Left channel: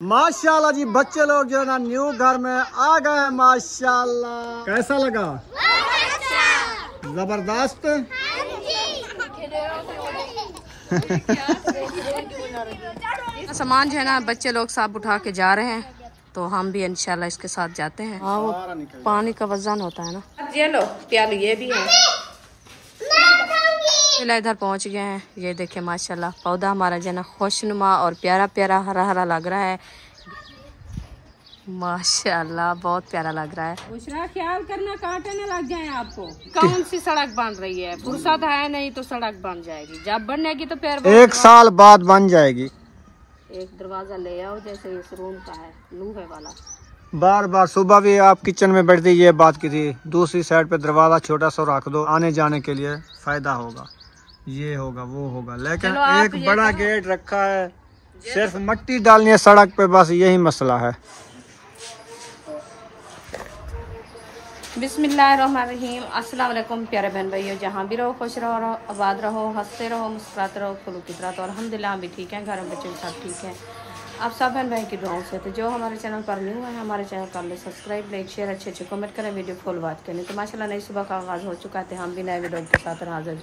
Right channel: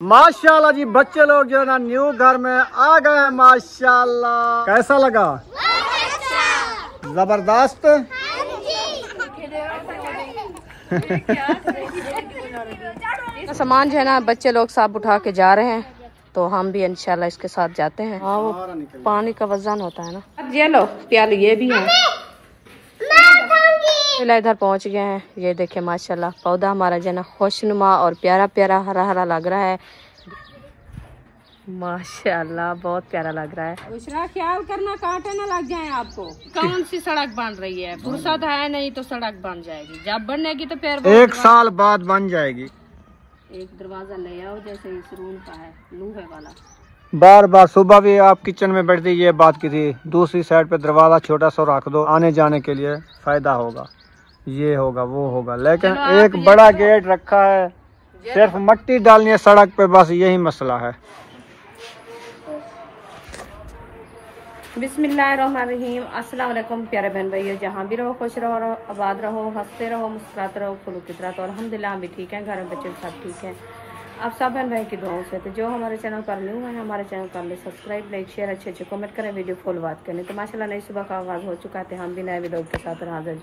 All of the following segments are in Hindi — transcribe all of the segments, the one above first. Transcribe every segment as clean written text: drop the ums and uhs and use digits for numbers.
माशाल्लाह जी, बच्चे लोग जो है ना न्यू घर में आ गए हैं। माशाल्लाह, कैसा लगा? जबरदस्त। सामान जो है ना बच्चे लोग सब उठा के जा रहे हैं, तो हम भी इंशाल्लाह इसके साथ जाते हैं। हाँ, वो पानी का वजन होता है ना। ये लो प्याली, ये भी है। इधर पहुंच गए हैं। ये देखे माशाल्लाह, पौधा हमारा जो है ना खुशनुमा और प्यारा प्यारा हरा हरा लग रहा है। माशाल्लाह बहुत प्यारा लग रहा है। बुशरा, ख्याल करना कांटे न लग जाए आपको। कौन सी सड़क बन रही है? फुर्सत है नहीं तो सड़क बन जाएगी। जब बनेगी तो फिर 1 साल बाद बन जाएगी। एक दरवाजा ले आओ, जैसे इस रूम का है, लूहे वाला। बार बार सुबह भी आप किचन में बैठती ये बात की थी, दूसरी साइड पे दरवाजा छोटा सा रख दो, आने जाने के लिए फायदा होगा, ये होगा वो होगा। लेकिन एक बड़ा गेट रखा है, सिर्फ मट्टी डालनी है सड़क पे, बस यही मसला है। बिस्मिल्लाहिर्रहमानिर्रहीम। अस्सलाम वालेकुम प्यारे बहन भाइयों, जहाँ भी रहो खुश रहो, आबाद रहो, हंसते रहो, मुस्कुराते रहो, फुल की तरह। तो अल्हम्दुलिल्लाह हम भी ठीक हैं, घर में बच्चे सब ठीक हैं। आप सब बहन भाई की दुआओं से। तो जो हमारे चैनल पर न्यू है, हमारे चैनल कर ले सब्सक्राइब, लाइक शेयर, अच्छे अच्छे कमेंट करें, वीडियो फुल बात करें। तो माशाल्लाह नई सुबह का आगाज़ हो चुका है, हम भी नए वीडियो के साथ हाजिर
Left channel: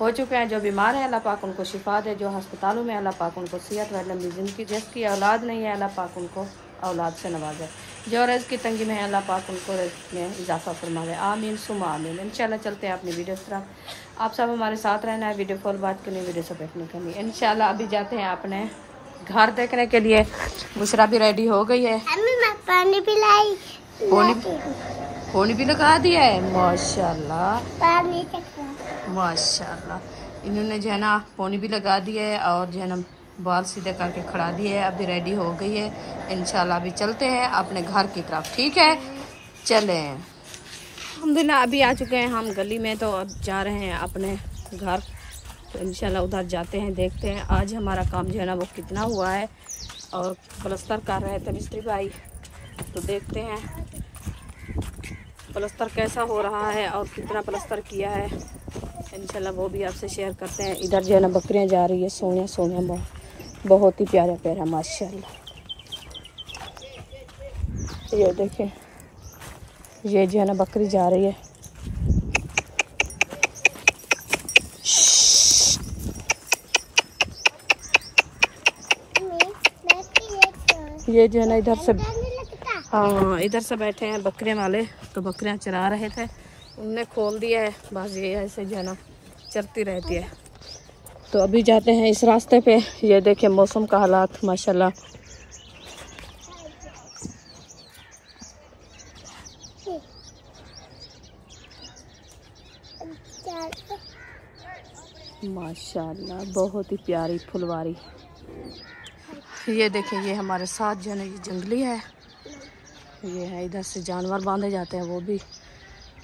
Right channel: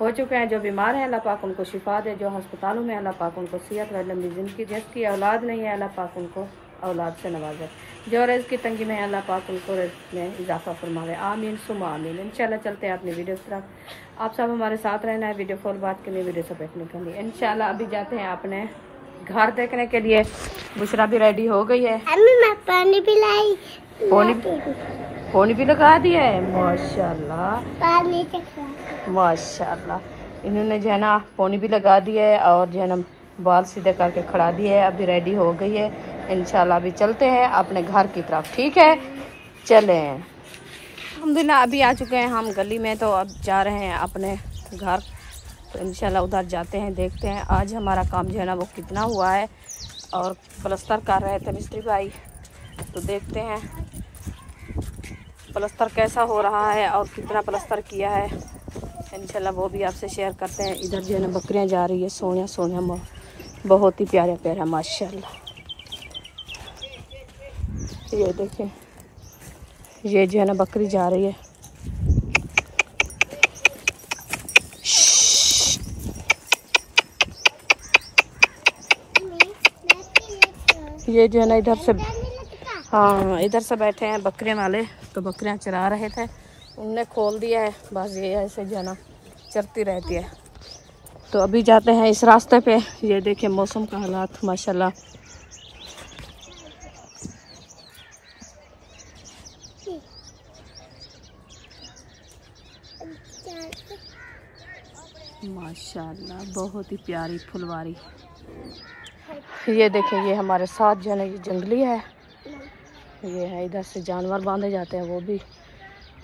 हो चुके हैं। जो बीमार है अल्लाह पाक उनको शिफा दे, जो अस्पतालों में अल्लाह पाक उनको सेहत और लंबी ज़िंदगी, जिसकी औलाद नहीं है अल्लाह पाक उनको औलाद से नवाजे, जो रिज़्क़ की तंगी में है अल्लाह पाक उनको रिज़्क़ में इजाफा फरमावे। आमीन सुमा आमीन। इंशाल्लाह चलते हैं अपनी वीडियो की तरफ। आप सब हमारे साथ रहना है, वीडियो फुल बात करनी, वीडियो से देखने के लिए। इंशाल्लाह अभी जाते हैं अपने घर देखने के लिए। बुशरा भी रेडी हो गई है। मैं पानी पिलाई, पानी भी लगा दिया है। माशाल्लाह पानी माशाल्लाह। इन्होंने जो है ना पानी भी लगा दिया है और जो है ना बाल सीधे करके खड़ा दिए है। अभी रेडी हो गई है। इंशाल्लाह अभी चलते हैं अपने घर की तरफ। ठीक है, चले। अल्हम्दुलिल्लाह अभी आ चुके हैं हम गली में, तो अब जा रहे हैं अपने घर। तो इंशाल्लाह उधर जाते हैं, देखते हैं आज हमारा काम जो है ना वो कितना हुआ है। और प्लस्तर कर रहे थे मिस्त्री भाई, तो देखते हैं प्लस्तर कैसा हो रहा है और कितना प्लस्तर किया है। इंशाल्लाह वो भी आपसे शेयर करते हैं। इधर जो है ना बकरियां जा रही है, सोनिया सोनिया, बहुत ही प्यारा प्यारा माशाल्लाह। ये देखें, ये जो है ना बकरी जा रही है। ये जो है ना इधर से, हाँ इधर से बैठे हैं बकरियां वाले, तो बकरियां चरा रहे थे, उनने खोल दिया है। बस ये ऐसे जो है ना चरती रहती है। तो अभी जाते हैं इस रास्ते पे। ये देखें मौसम का हालात माशाल्लाह। माशाल्लाह बहुत ही प्यारी फुलवारी। ये देखें, ये हमारे साथ जो है ना ये जंगली है। ये है, इधर से जानवर बांधे जाते हैं, वो भी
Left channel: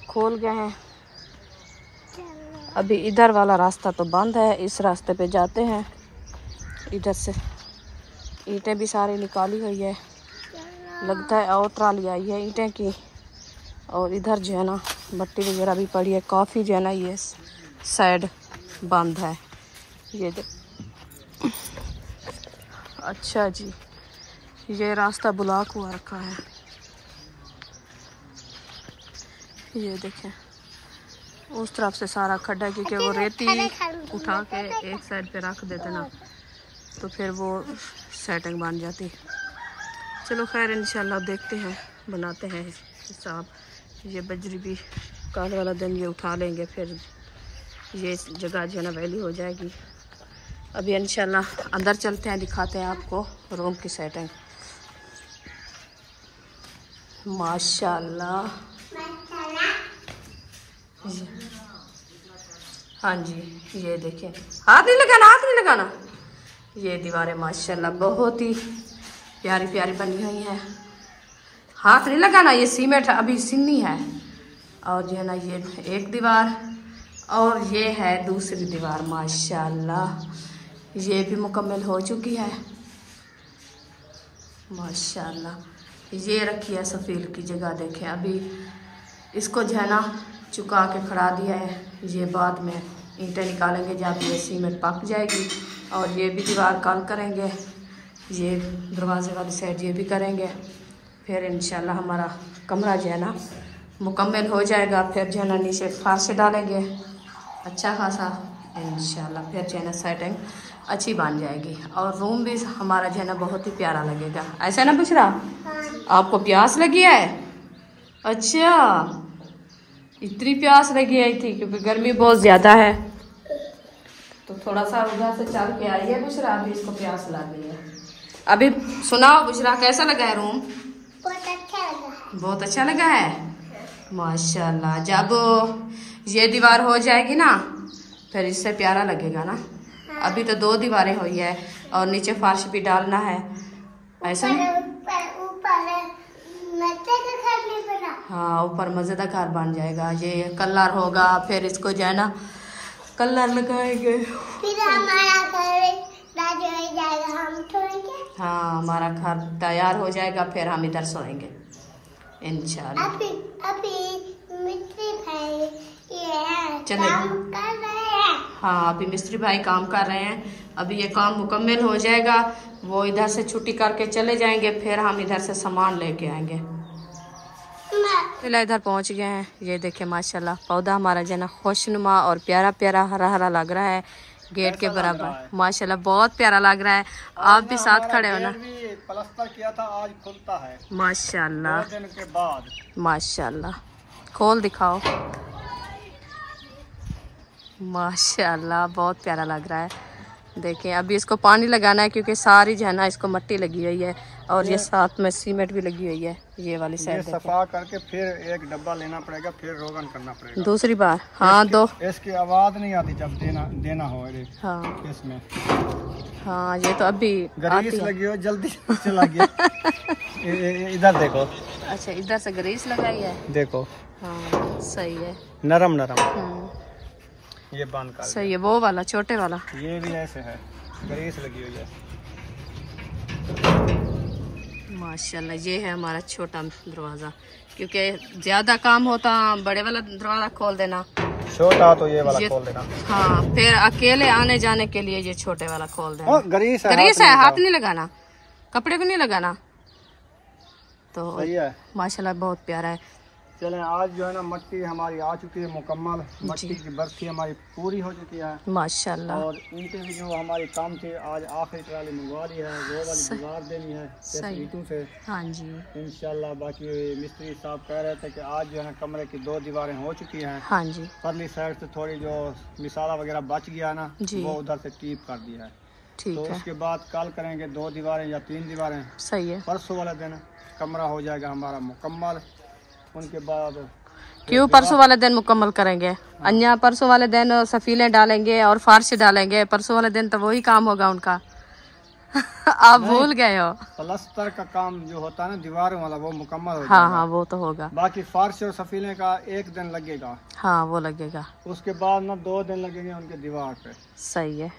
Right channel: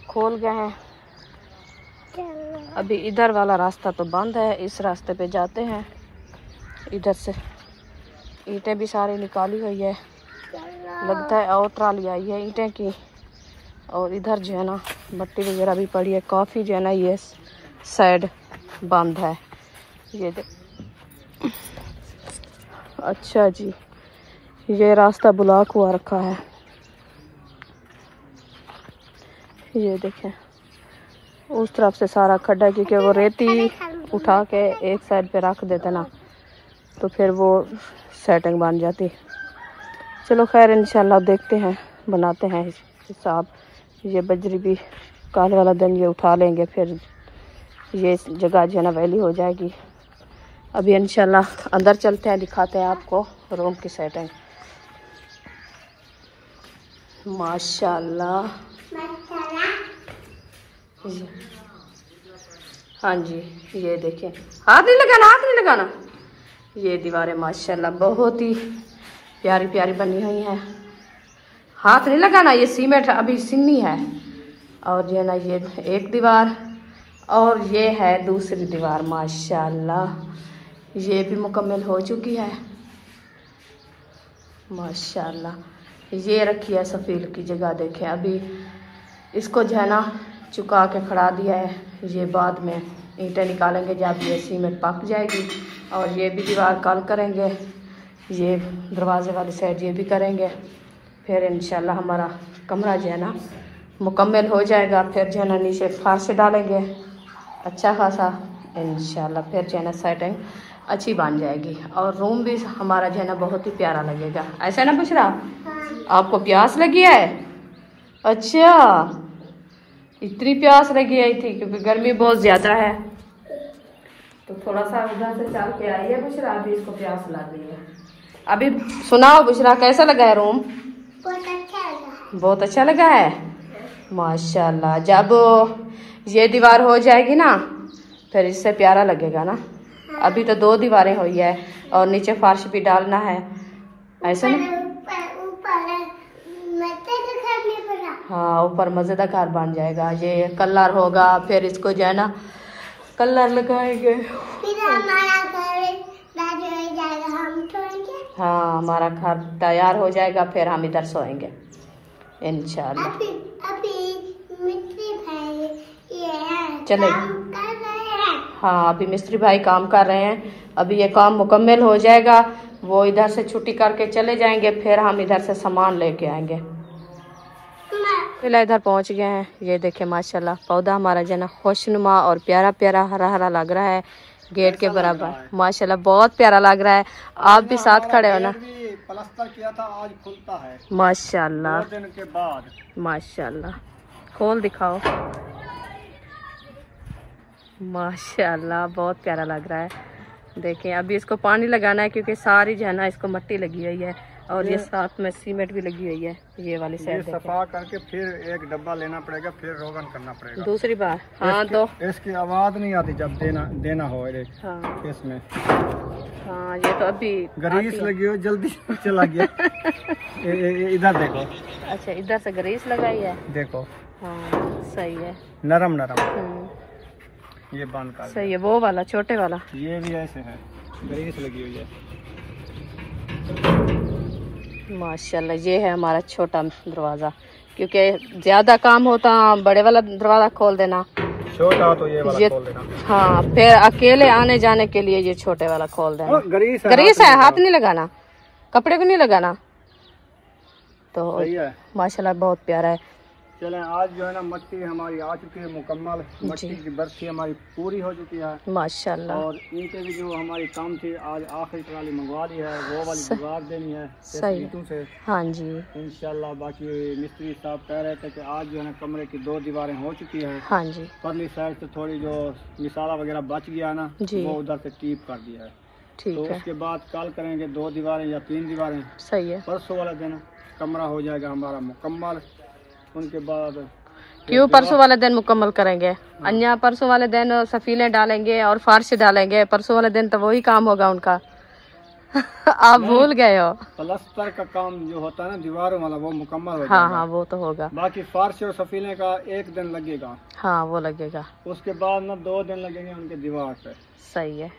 खोल गए हैं। अभी इधर वाला रास्ता तो बंद है, इस रास्ते पे जाते हैं। इधर से ईंटें भी सारी निकाली हुई है, लगता है और ट्राली आई है ईंटें की। और इधर जो है ना मट्टी वगैरह भी पड़ी है काफ़ी, जो है ना ये साइड बंद है। ये अच्छा जी, ये रास्ता ब्लॉक हुआ रखा है। ये देखें उस तरफ से सारा खड्डा है, क्योंकि वो रेती उठा के एक साइड पे रख देते ना, तो फिर वो सेटिंग बन जाती। चलो खैर इंशाल्लाह देखते हैं, बनाते हैं हिसाब। ये बजरी भी कल वाला दिन ये उठा लेंगे, फिर ये जगह जो है ना वैली हो जाएगी। अभी इंशाल्लाह अंदर चलते हैं, दिखाते हैं आपको रूम की सेटिंग। माशाल्लाह, हाँ जी ये देखें, हाथ नहीं लगाना, हाथ नहीं लगाना। ये दीवारें माशाल्लाह बहुत ही प्यारी प्यारी बनी हुई हैं। हाथ नहीं लगाना, ये सीमेंट अभी सिन्नी है। और जो है ना ये एक दीवार और ये है दूसरी दीवार। माशाल्लाह ये भी मुकम्मल हो चुकी है। माशाल्लाह ये रखी है सफ़ील की जगह। देखें अभी इसको जो है ना चुका के खड़ा दिया है। ये बाद में ईंटें निकालेंगे जब ये सीमेंट पक जाएगी। और ये भी दीवार कल करेंगे। ये दरवाजे वाली साइड ये भी करेंगे। फिर इंशाल्लाह हमारा कमरा जो है ना मुकम्मल हो जाएगा। फिर जो है ना नीचे फर्श डालेंगे अच्छा खासा इंशाल्लाह। फिर जो है ना सेटिंग अच्छी बन जाएगी और रूम भी हमारा जो है ना बहुत ही प्यारा लगेगा। ऐसा ना बुशरा, आपको प्यास लगी है? अच्छा, इतनी प्यास लगी आई थी क्योंकि गर्मी बहुत ज़्यादा है, तो थोड़ा सा उधर से चल के आई है बुशरा, अभी इसको प्यास लग गई है। अभी सुनाओ बुशरा, कैसा लगा है रूम? बहुत अच्छा लगा है माशाल्लाह। जब ये दीवार हो जाएगी ना फिर इससे प्यारा लगेगा ना। अभी तो 2 दीवारें हुई है और नीचे फर्श भी डालना है, ऐसा नहीं? हाँ, ऊपर मजेदार घर बन जाएगा। ये कलर होगा, फिर इसको जो है ना कलर लगाएंगे। हाँ, हमारा घर तैयार हो जाएगा, फिर हम इधर सोएंगे इंशाल्लाह। चले, हाँ अभी मिस्त्री भाई काम कर रहे हैं। अभी ये काम मुकम्मल हो जाएगा, वो इधर से छुट्टी करके चले जाएंगे, फिर हम इधर से सामान लेके आएंगे। फिलहाल इधर पहुंच गए हैं। ये देखे माशाल्लाह पौधा हमारा जो है ना खुशनुमा और प्यारा प्यारा हरा हरा लग रहा है, गेट के बराबर माशाल्लाह बहुत प्यारा लग रहा है। आप भी साथ खड़े हो ना? प्लास्टर किया था, आज खुलता है माशाल्लाह 2 दिन के बाद। माशाल्लाह, खोल दिखाओ। माशाल्लाह बहुत प्यारा लग रहा है। देखें अभी इसको पानी लगाना है क्योंकि सारी जो है ना इसको मिट्टी लगी हुई है और ये साथ में सीमेंट भी लगी हुई है। ये वाली साइड सफा करके फिर एक डब्बा लेना पड़ेगा, फिर रोगन करना पड़ेगा दूसरी बार। हाँ, इसकी आवाज नहीं आती जब देना हो। हाँ इसमें हाँ, ये तो अभी ग्रीस लगी हो, जल्दी चला गया। इधर देखो। अच्छा, इधर से ग्रीस लगाई है, देखो। हाँ सही है, नरम नरम। ये बांध कर सही है। वो वाला छोटे वाला ये भी ऐसे है, ग्रीस लगी हुई है माशाल्लाह। ये है हमारा छोटा दरवाजा, क्योंकि ज्यादा काम होता बड़े वाला दरवाजा खोल देना, छोटा तो ये वाला खोल देना। हाँ, फिर अकेले आने जाने के लिए ये छोटे वाला खोल देना। ग्रीस है, हाथ नहीं लगाना, कपड़े को नहीं लगाना। तो माशाल्लाह बहुत प्यारा है। चलें, आज जो है ना मट्टी हमारी आ चुकी है मुकम्मल, मट्टी की बर्फी हमारी पूरी हो चुकी है माशाल्लाह। और ईंटें भी जो हमारी काम थी आज आखिरी ट्राली मंगवा ली है, वो वाली दीवार देनी है ईंटों से। हाँ जी इंशाल्लाह। बाकी मिस्त्री साहब कह रहे थे कि आज जो है ना कमरे की 2 दीवारें हो चुकी हैं। हाँ जी, परली साइड से थोड़ी जो मिसाला वगैरह बच गया ना वो उधर से टीप कर दिया है। तो उसके बाद कल करेंगे 2 दीवारें या 3 दीवारें। सही है। परसों वाले दिन कमरा हो जाएगा हमारा मुकम्मल। उनके बाद क्यों परसों वाले दिन मुकम्मल करेंगे? अन्य परसों वाले दिन सफीले डालेंगे और फर्श डालेंगे, परसों वाले दिन तो वही काम होगा उनका। आप भूल गए हो। प्लास्टर का काम जो होता है ना दीवारों वाला वो मुकम्मल होगा। हाँ हाँ, वो तो होगा। बाकी फर्श और सफीले का 1 दिन लगेगा। हाँ वो लगेगा। उसके बाद ना 2 दिन लगेंगे उनके दीवार पे। सही है।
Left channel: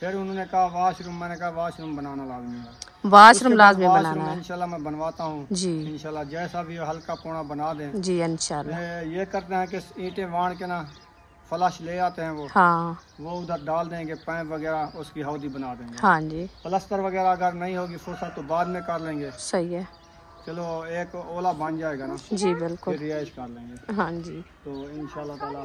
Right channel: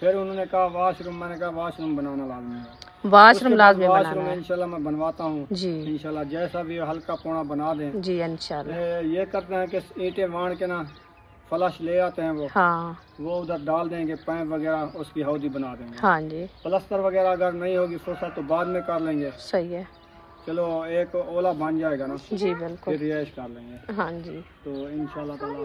फिर उन्होंने कहा वाशरूम, मैंने कहा वाशरूम बनाना लाजमी है। वाशरूम लाजमी बनाना है। इंशाल्लाह मैं बनवाता हूँ जी, इंशाल्लाह जैसा भी हल्का पौना बना दें जी इंशाल्लाह। ये करते हैं कि ईंटें वाण के ना फ्लश ले आते हैं वो। हाँ, वो उधर डाल देंगे, पाइप वगैरह उसकी हौदी बना देंगे। हाँ जी। प्लास्टर वगैरह अगर नहीं होगी फुर्सत तो बाद में कर लेंगे। सही है। चलो एक ओला बन जाएगा ना जी, बिल्कुल, फिर रिहाइश कर लेंगे। हाँ जी। तो इंशाल्लाह ताला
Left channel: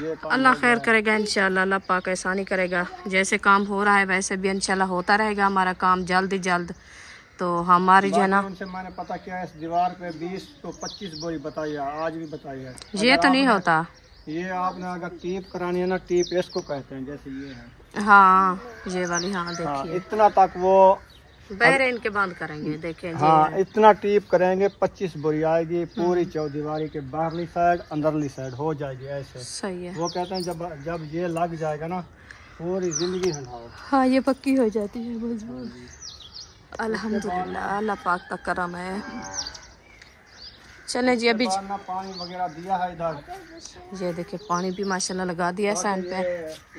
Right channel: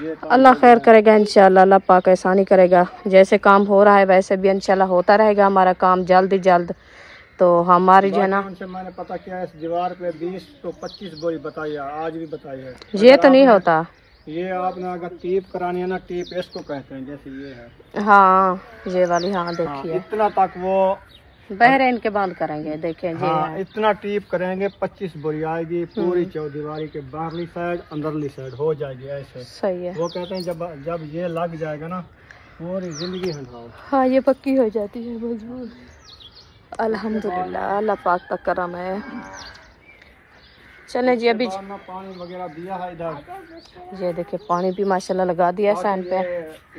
ये अल्लाह खैर करेगा इंशाल्लाह, अल्लाह पाक आसानी करेगा। जैसे काम हो रहा है वैसे भी इंशाल्लाह होता रहेगा हमारा काम जल्द ही जल्द। तो हमारी जो है ना मैंने पता किया इस दीवार पे 20 तो 25 बोरी बताई है, आज भी बताई है। ये तो नहीं होता। ये आपने अगर टीप करानी है ना, टीप इसको कहते हैं, जैसे ये है। हाँ ये वाली, हाँ देखिए इतना तक वो बहरीन के बंद करेंगे। देखें जी हाँ, इतना टीप करेंगे 25 बोरी आएगी पूरी चौदीवारी के बाहरली साइड अंदरली साइड हो जाएगी ऐसे। सही है। वो कहते हैं जब ये लग जाएगा ना पूरी जिंदगी हटाओ। हाँ ये पक्की हो जाती है मजबूर। अल्हम्दुलिल्लाह अल्लाह पाक का करम है। चले जी अभी पानी वगैरह दिया है इधर। ये देखिए पानी भी माशाल्लाह लगा दिया सैन पे।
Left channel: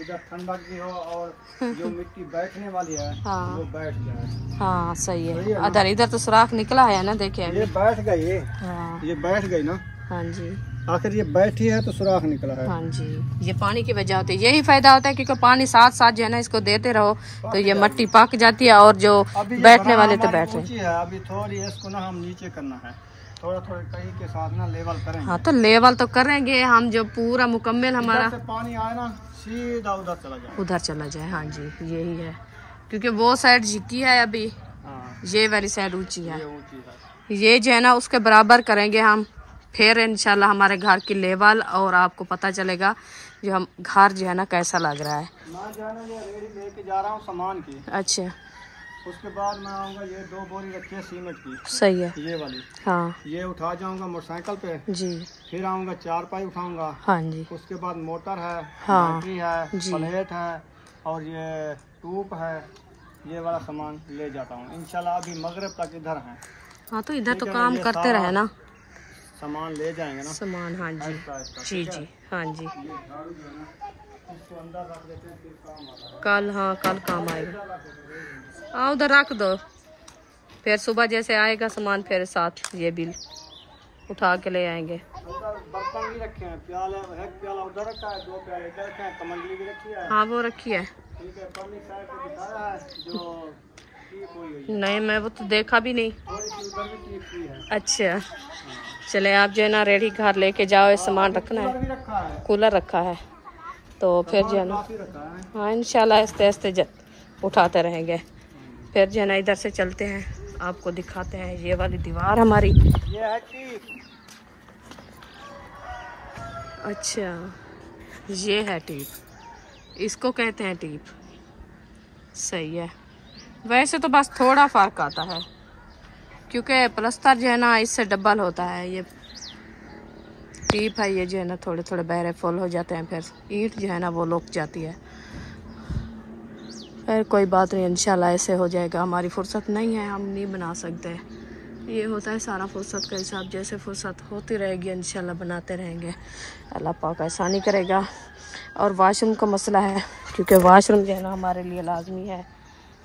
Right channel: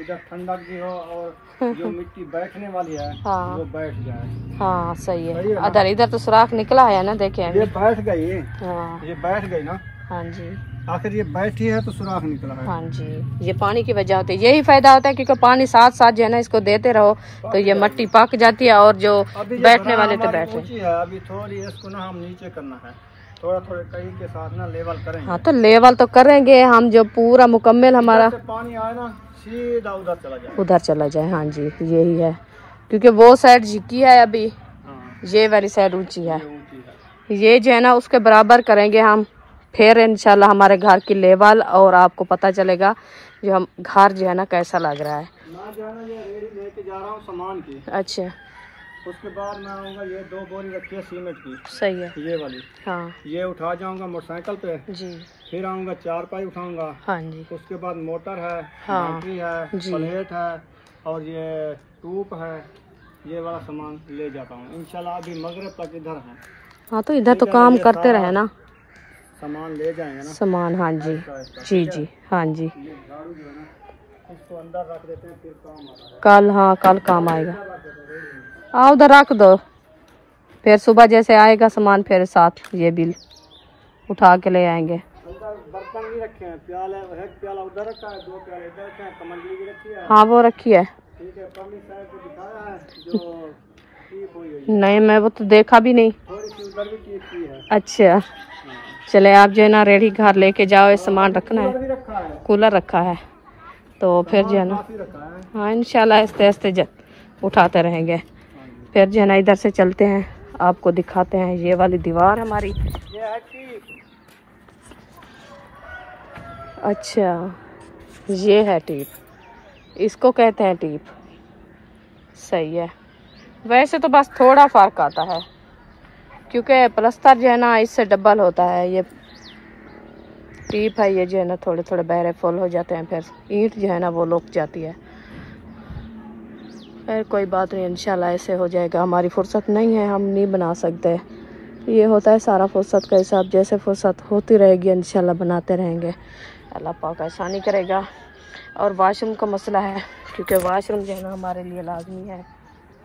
इधर ठंडक भी हो और जो मिट्टी बैठने वाली है हाँ वो बैठ जाए। हाँ सही है। इधर तो सुराख निकला है ना, देखे ये बैठ गई। हाँ ये बैठ गई ना। हाँ जी। आखिर ये बैठी है तो सुराख निकला है। हाँ जी, ये पानी की वजह होती है, यही फायदा होता है क्योंकि पानी साथ साथ जो है ना इसको देते रहो तो ये मिट्टी पक जाती है और जो बैठने वाले तो बैठे। अभी थोड़ी इसको ना हम नीचे करना है, थोड़ा थोड़ा कहीं के साथ ना लेवल करेंगे। हाँ तो लेवल तो करेंगे हम, जो पूरा मुकम्मल हमारा पानी आए ना सीधा उधर चला जाए, उधर चला जाए। हाँ जी यही है, क्योंकि वो साइड झुकी है अभी, ये वाली साइड ऊंची है, ये जो है ना उसके बराबर करेंगे हम, फिर इंशाल्लाह हमारे घर की लेवल और आपको पता चलेगा जो हम घर जो है ना कैसा लग रहा है। मैं जो है ना ये रेडी लेके जा रहा हूँ सामान की। अच्छा, उसके बाद मैं आऊँगा, ये 2 बोरी रखी है सीमेंट की। सही है, ये वाली, हाँ ये उठा जाऊंगा मोटरसाइकिल पे जी। फिर आऊँगा 4 पाई उठाऊंगा। हाँ जी, उसके बाद मोटर है, हाँ, बैटरी है, जी। प्लेट है और ये ट्यूब है, ये वाला सामान ले जाता हूँ इंशाल्लाह। अभी मगरिब तक इधर है। हाँ तो इधर तो काम करते रहे ना, सामान ले जाएंगे ना सामान। हाँ जी जी जी, हाँ जी ये झाड़ू जो है ना इसको अंदर रख देते हैं, फिर काम आता है। कल, हाँ कल काम आएगा। आओ उधर रख दो, फिर सुबह जैसे आएगा सामान फिर साथ ये बिल उठा के ले आएंगे। अंदर बर्तन भी रखे हैं, प्याला है, प्याला उधर रखा है, 2 प्याले इधर रखे हैं, कमंडली भी रखी है। हाँ वो रखी है, ठीक है, परली साइड पे दिखाया है जो टीप हुई है। नहीं मैं वो तो देखा भी नहीं। थोड़ी सी उधर भी टीप की है। अच्छा चले, आप जो है ना रेडी घर लेके जाओ, ये सामान रखना कूलर है, भी रखा है, कूलर रखा है तो फिर जो है ना काफी रखा है। हाँ इंशाल्लाह आस्ते आस्ते उठाते रहेंगे। फिर जो है ना इधर से चलते हैं, आपको दिखाते हैं ये वाली दीवार हमारी। ये है टीप। अच्छा ये है टीप, इसको कहते हैं टीप, सही है। वैसे तो बस थोड़ा फर्क आता है क्योंकि प्लस्तर जो है ना इससे डबल होता है, ये टीप है, ये जो है ना थोड़े थोड़े बहरे फुल हो जाते हैं, फिर ईंट जो है ना वो लुक जाती है। फिर कोई बात नहीं, इंशाल्लाह ऐसे हो जाएगा। हमारी फुर्सत नहीं है, हम नहीं बना सकते, ये होता है सारा फुर्सत का हिसाब, जैसे फुर्सत होती रहेगी इंशाल्लाह बनाते रहेंगे, अल्लाह पाक आसानी करेगा। और वाशरूम का मसला है क्योंकि वाशरूम जो है ना हमारे लिए लाजमी है,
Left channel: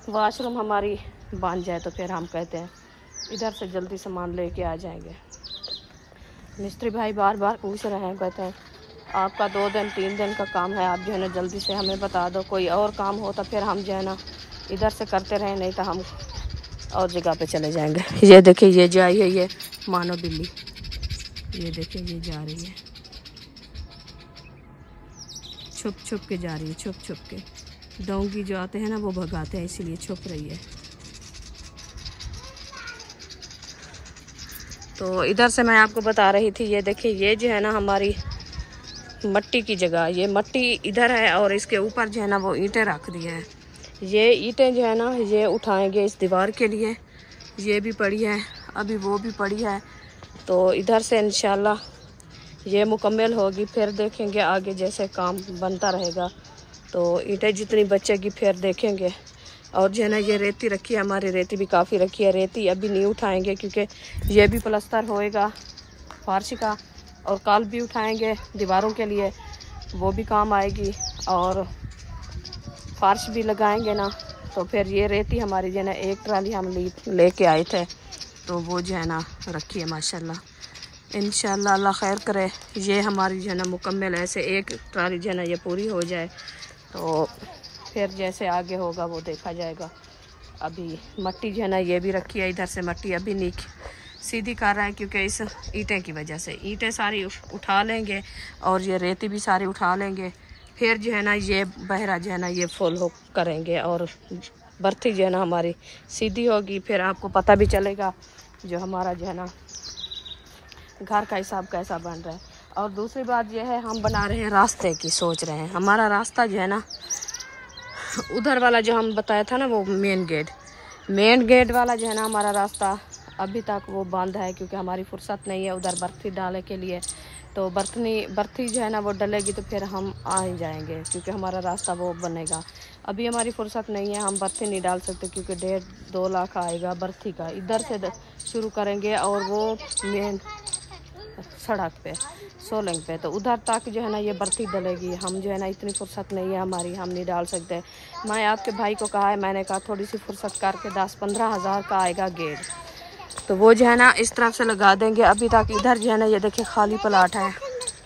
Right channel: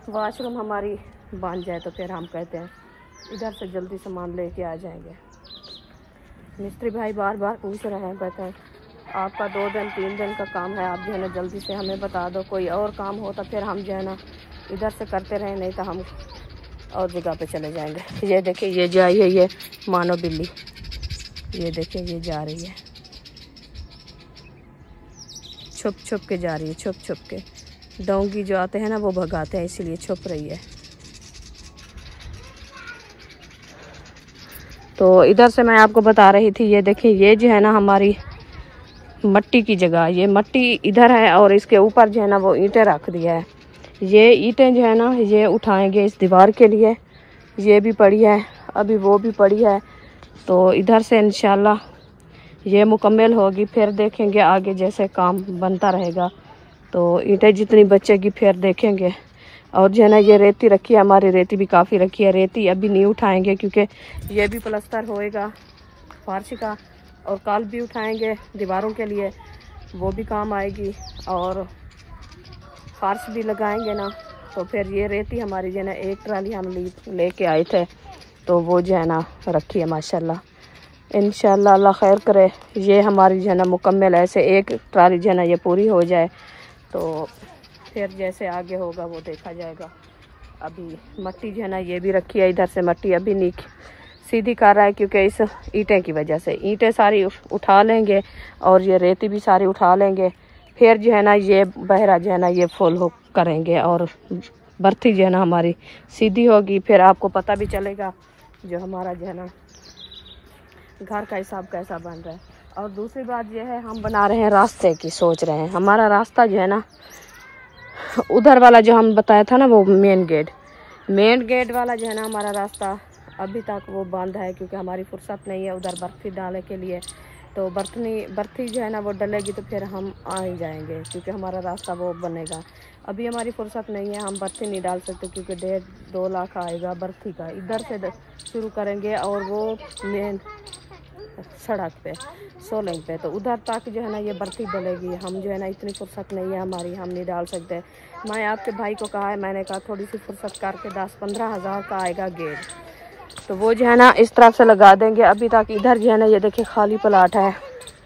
वाशरूम हमारी बन जाए तो फिर हम कहते हैं इधर से जल्दी सामान लेके आ जाएंगे। मिस्त्री भाई बार बार पूछ रहे हैं, कहते हैं आपका 2 दिन 3 दिन का काम है, आप जो है ना जल्दी से हमें बता दो, कोई और काम हो तो फिर हम जो है ना इधर से करते रहें, नहीं तो हम और जगह पे चले जाएंगे। ये देखिए ये जा रही है, ये मानो बिल्ली, ये देखिए ये जा रही है, छुप छुप के जा रही है, छुप छुप के। डोंगी जो आते हैं ना वो भगाते हैं, इसीलिए छुप रही है। तो इधर से मैं आपको बता रही थी, ये देखिए ये जो है ना हमारी मट्टी की जगह, ये मट्टी इधर है और इसके ऊपर जो है ना वो ईंटें रख दिया है। ये ईंटें जो है ना ये उठाएंगे इस दीवार के लिए, ये भी पड़ी है, अभी वो भी पड़ी है, तो इधर से इंशाल्लाह ये मुकम्मल होगी, फिर देखेंगे आगे जैसे काम बनता रहेगा तो ईंटें जितनी बचेगी फिर देखेंगे। और जो है ना ये रेती रखी है हमारी, रेती भी काफ़ी रखी है, रेती अभी नहीं उठाएंगे क्योंकि ये भी प्लस्तर होएगा फर्श का, और कल भी उठाएंगे दीवारों के लिए, वो भी काम आएगी, और फर्श भी लगाएंगे ना, तो फिर ये रेती हमारी जो है ना 1 ट्राली हम लेके आए थे, तो वो जो है ना रखी है माशाल्लाह। इंशाल्लाह अल्लाह खैर करे, ये हमारी जो है ना मुकम्मल ऐसे 1 ट्राली जो है ना ये पूरी हो जाए तो फिर जैसे आगे होगा वो देखा जाएगा। अभी मट्टी जो है ना ये भी रखी है, इधर से मट्टी अभी नहीं सीधी कर रहा है क्योंकि इस ईंटें की वजह से, ईंटें सारी उठा लेंगे और ये रेती भी सारी उठा लेंगे, फिर जो है ना ये बहरा जो है ना ये फुल करेंगे और बर्थी जो है ना हमारी सीधी होगी, फिर आपको पता भी चलेगा जो हमारा जो है ना घर का हिसाब कैसा बन रहा है। और दूसरी बात यह है, हम बना रहे हैं रास्ते की, सोच रहे हैं हमारा रास्ता जो है ना उधर वाला जो हम बताया था ना वो मेन गेट वाला जो है ना हमारा रास्ता अभी तक वो बंद है क्योंकि हमारी फुर्सत नहीं है उधर बर्थी डालने के लिए। तो बर्थी जो है ना वो डलेगी तो फिर हम आ ही जाएंगे क्योंकि हमारा रास्ता वो बनेगा। अभी हमारी फुर्सत नहीं है, हम बर्थी नहीं डाल सकते क्योंकि 1.5-2 लाख आएगा बर्थी का। इधर से शुरू करेंगे और वो मेन सड़क पे सोलंग पे, तो उधर तक जो है ना ये बर्फी डलेगी। हम जो है ना इतनी फुर्सत नहीं है हमारी, हम नहीं डाल सकते। मैं आपके भाई को कहा है, मैंने कहा थोड़ी सी फुर्सत करके 10-15 हज़ार का आएगा गेट, तो वो जो है ना इस तरफ से लगा देंगे। अभी तक इधर जो है ना ये देखिए खाली प्लाट है,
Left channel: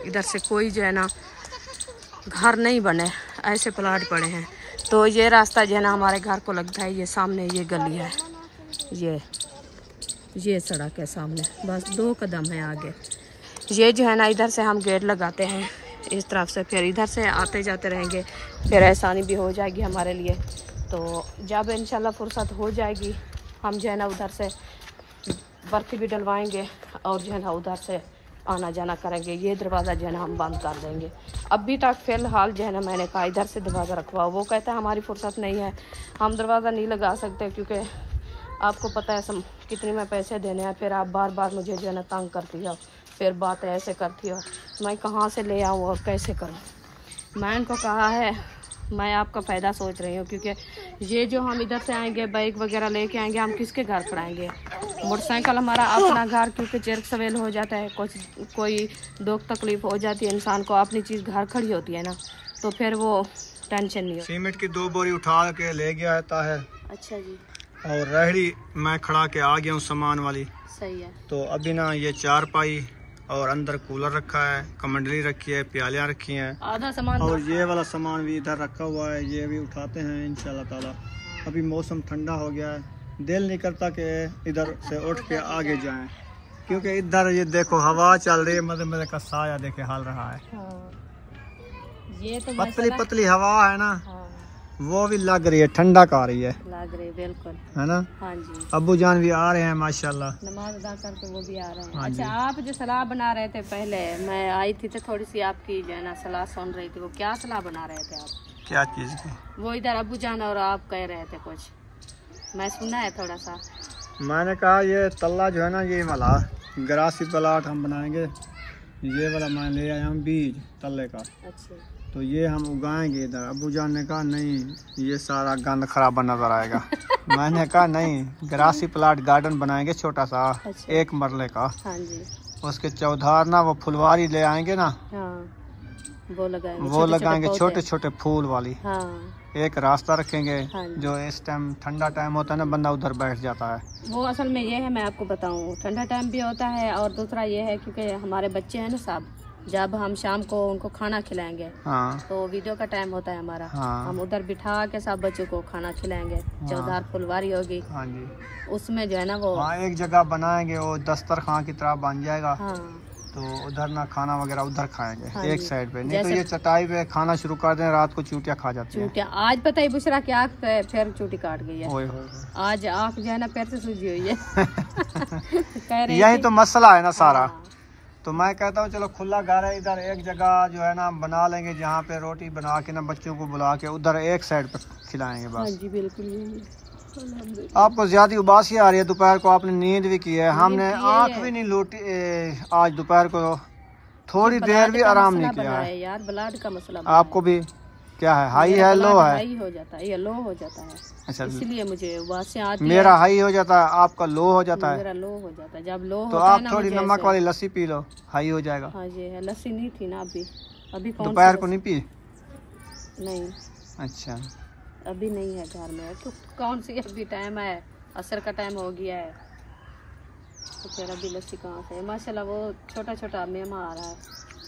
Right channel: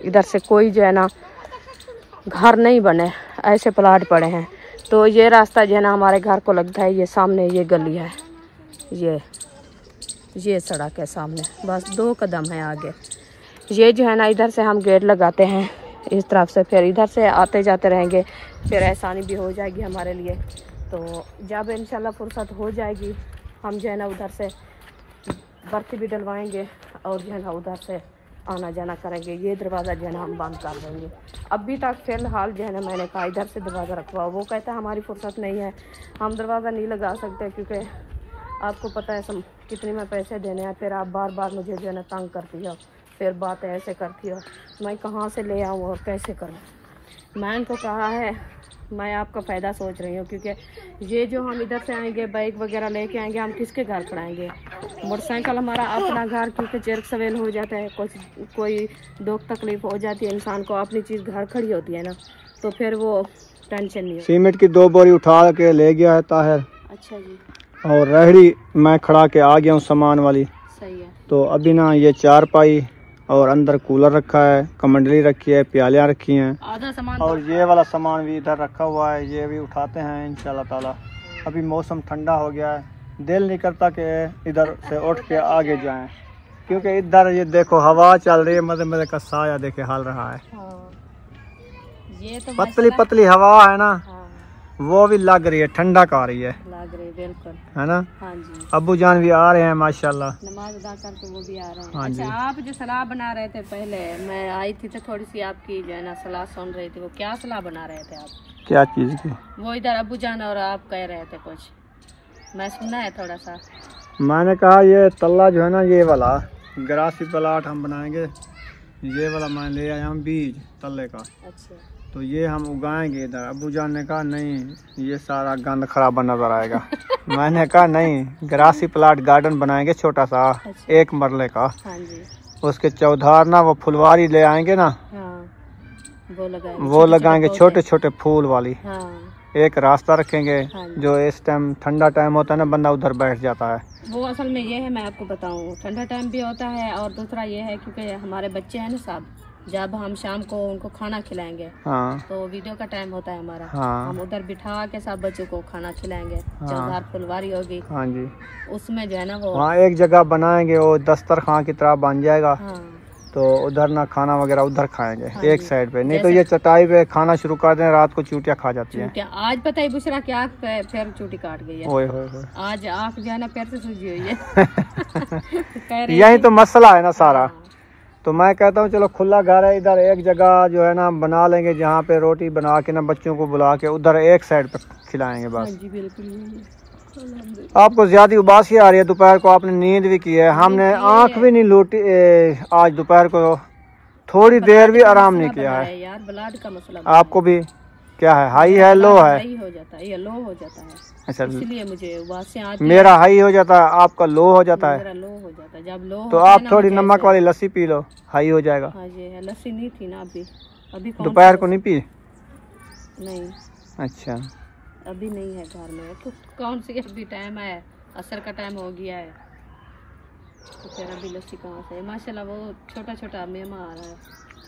इधर से कोई जो है ना घर नहीं बने, ऐसे प्लाट पड़े हैं। तो ये रास्ता जो है ना हमारे घर को लगता है, ये सामने ये गली है, ये सड़क है सामने, बस 2 कदम है आगे। ये जो है ना इधर से हम गेट लगाते हैं इस तरफ से, फिर इधर से आते जाते रहेंगे, फिर आसानी भी हो जाएगी हमारे लिए। तो जब इंशाल्लाह फुर्सत हो जाएगी हम जो है ना उधर से बर्फ़ भी डलवाएंगे और जो है ना उधर से आना जाना करेंगे। ये दरवाज़ा जो है ना हम बंद कर देंगे। अभी तक फ़िलहाल जो है ना मैंने कहा इधर से दरवाज़ा रखवाओ, वो कहता है हमारी फुर्सत नहीं है, हम दरवाज़ा नहीं लगा सकते क्योंकि आपको पता है कितने में पैसे देने हैं, फिर आप बार बार मुझे जो है ना तंग करती हो, फिर बात ऐसे करती हो, मैं कहाँ से ले आऊँ और कैसे करूँ। मैं इनको कहा है मैं आपका फ़ायदा सोच रही हूँ, क्योंकि ये जो हम इधर से आएंगे बाइक वगैरह लेके आएंगे, हम किसके घर खड़ाएंगे। मोटरसाइकिल हमारा अपना घर, क्योंकि चरक सवेल हो जाता है, कोई दुख तकलीफ हो जाती है इंसान को, अपनी चीज़ घर खड़ी होती है ना, तो फिर वो टेंशन नहीं है। सीमेंट की 2 बोरी उठा के ले गया है ताहिर। अच्छा जी। और रेहड़ी मैं खड़ा के आ गया हूँ सामान वाली। सही है। तो अभी ना ये 4 पाई और अंदर कूलर रखा है, कमंडली रखी है, प्यालियाँ रखी हैं, आधा सामान और ये वाला सामान भी इधर रखा हुआ है, ये भी उठाते हैं इंशाल्लाह ताला। अभी मौसम ठंडा हो गया है, दिल नहीं करता कि इधर से उठ के आगे जाएं, क्योंकि इधर ये देखो हवा चल रही है, मजे मजे का साया देखे हाल रहा है। ये तो पतली पतली हवा है ना, वो भी लग रही है, ठंडा का आ रही है, लग रही है बिल्कुल, है ना। हाँ जी। अब्बू जान भी आ रहे हैं माशाल्लाह, नमाज अदा करके वो भी आ रहे हैं। हाँ अच्छा, आप जो सलाह बना रहे थे पहले, मैं आई थी तो थोड़ी सी आपकी जो है ना सलाह सुन रही थी, वो क्या सलाह बना रहे थे आप? क्या चीज़ की? वो इधर अब्बू जान और आप कह रहे थे कुछ, मैं सुना है थोड़ा सा। मैंने कहा ये तल्ला जो है ना, ये वाला ग्रासी प्लाट हम बनाएंगे, ये वाला मैं ले आया हूँ बीज तल्ले का। अच्छा। तो ये हम उगाएंगे इधर। अब्बू जान ने कहा नहीं, ये सारा गंद खराब नजर आएगा। मैंने कहा नहीं, ग्रासी प्लाट गार्डन बनाएंगे छोटा सा। अच्छा। 1 मरले का। हाँ जी। उसके चौधार ना वो फुलवारी ले आएंगे ना, हाँ, वो लगाएंगे छोटे छोटे फूल वाली। हाँ। एक रास्ता रखेंगे। हाँ। जो इस टाइम ठंडा टाइम होता है ना, बंदा उधर बैठ जाता है। वो असल में ये है, मैं आपको बताऊं, ठंडा टाइम भी होता है, और दूसरा ये है क्योंकि हमारे बच्चे हैं ना साहब, जब हम शाम को उनको खाना खिलाएंगे, हाँ। तो वीडियो का टाइम होता है हमारा। हाँ। हम उधर बिठा के सब बच्चों को खाना खिलाएंगे। हाँ। चौधार फुलवारी होगी। हाँ जी। उसमें जो है ना वो वहाँ एक जगह बनाएंगे, वो दस्तरखान की तरह बन जाएगा। हाँ। तो उधर ना खाना वगैरह उधर खाएंगे। हाँ एक जी। साइड पे, नहीं तो ये चटाई पे खाना शुरू कर दें, रात को चूटियाँ खा जाती है। चूटियाँ आज पता है बुशरा की आँख पे फिर चूटी काट गई है। ओए होए होए। आज आँख जो है ना फिर से सूजी हुई है। कह रहे यही थे- तो मसला है ना सारा। हाँ। तो मैं कहता हूँ चलो खुला घर है, इधर एक जगह जो है ना बना लेंगे, जहाँ पे रोटी बना के ना बच्चों को बुला के उधर एक साइड पे खिलाएंगे हाँ बस। जी बिल्कुल यही है। आपको ज्यादा उबासी आ रही है, दोपहर को आपने नींद भी की है, हमने आंख भी नहीं लूटी आज दोपहर को, थोड़ी देर भी आराम नहीं किया है यार। ब्लड का मसला आपको भी क्या है? हाई है, लो है? हाई हो जाता है या लो हो जाता है। अच्छा, इसलिए मुझे उबासियां आती मेरा हाई हो जाता है, आपका लो हो जाता है। मेरा लो हो जाता है। जब लो तो होता है आप ना, थोड़ी मुझे नमक ऐसे- वाली लस्सी पी लो, हाई हो जाएगा। हाँ जी, लस्सी नहीं थी ना अभी कौन दोपहर सी को नहीं पी? लस्सी? नहीं, अच्छा, अभी नहीं है घर में। तो कौन सी अभी टाइम है, असर का टाइम हो गया है, तो फिर अभी लस्सी कहाँ से? माशाल्लाह वो छोटा छोटा मेमा आ रहा है,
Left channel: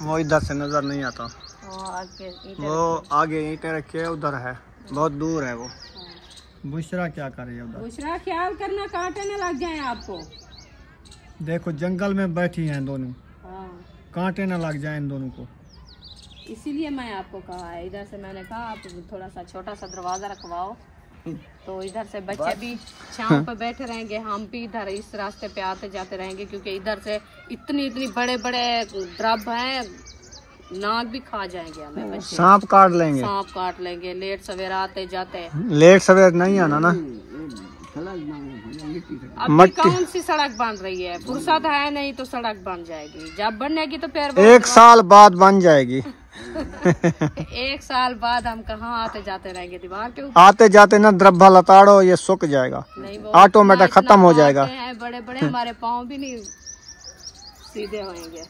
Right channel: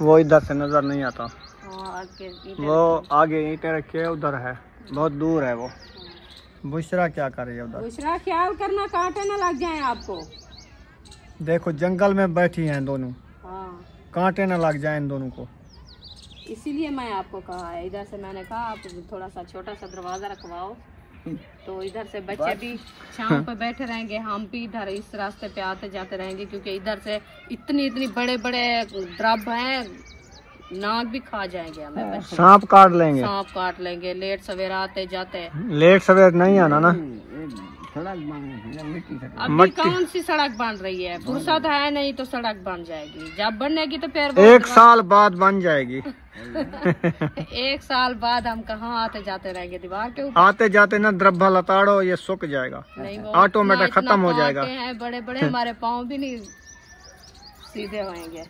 वो इधर से नजर नहीं आता। आगे वो आगे ईंटें रखी है, उधर है, बहुत दूर है वो। बुशरा क्या कर रही है उधर? दूसरा ख्याल करना, कांटे न लग जाए आपको। देखो जंगल में बैठी हैं दोनों, हाँ, कांटे न लग जाए इन दोनों को। इसीलिए मैं आपको कहा है, इधर से मैंने कहा आप थोड़ा सा छोटा सा दरवाजा रखवाओ, तो इधर से बच्चे भी शाम पे बैठे रहेंगे, हम भी इधर इस रास्ते पे आते जाते रहेंगे, क्योंकि इधर से इतनी बड़े बड़े ड्रब हैं, नाक भी खा जाएंगे हमें बच्चे। सांप काट लेंगे, सांप काट लेंगे लेट सवेरा आते जाते। लेट सवेर नहीं आना ना। अभी कौन सी सड़क बन रही है? फुर्सत है नहीं तो सड़क बन जाएगी, जब बनेगी तो फिर 1 साल बाद बन जाएगी। 1 साल बाद हम कहाँ आते जाते रहेंगे दीवार के ऊपर? आते जाते ना द्रब्बा लताड़ो, ये सूख जाएगा, नहीं, वो ऑटोमेटिक इतना खत्म हो जाएगा। पाते हैं बड़े बड़े, हमारे पाँव भी नहीं सीधे होंगे,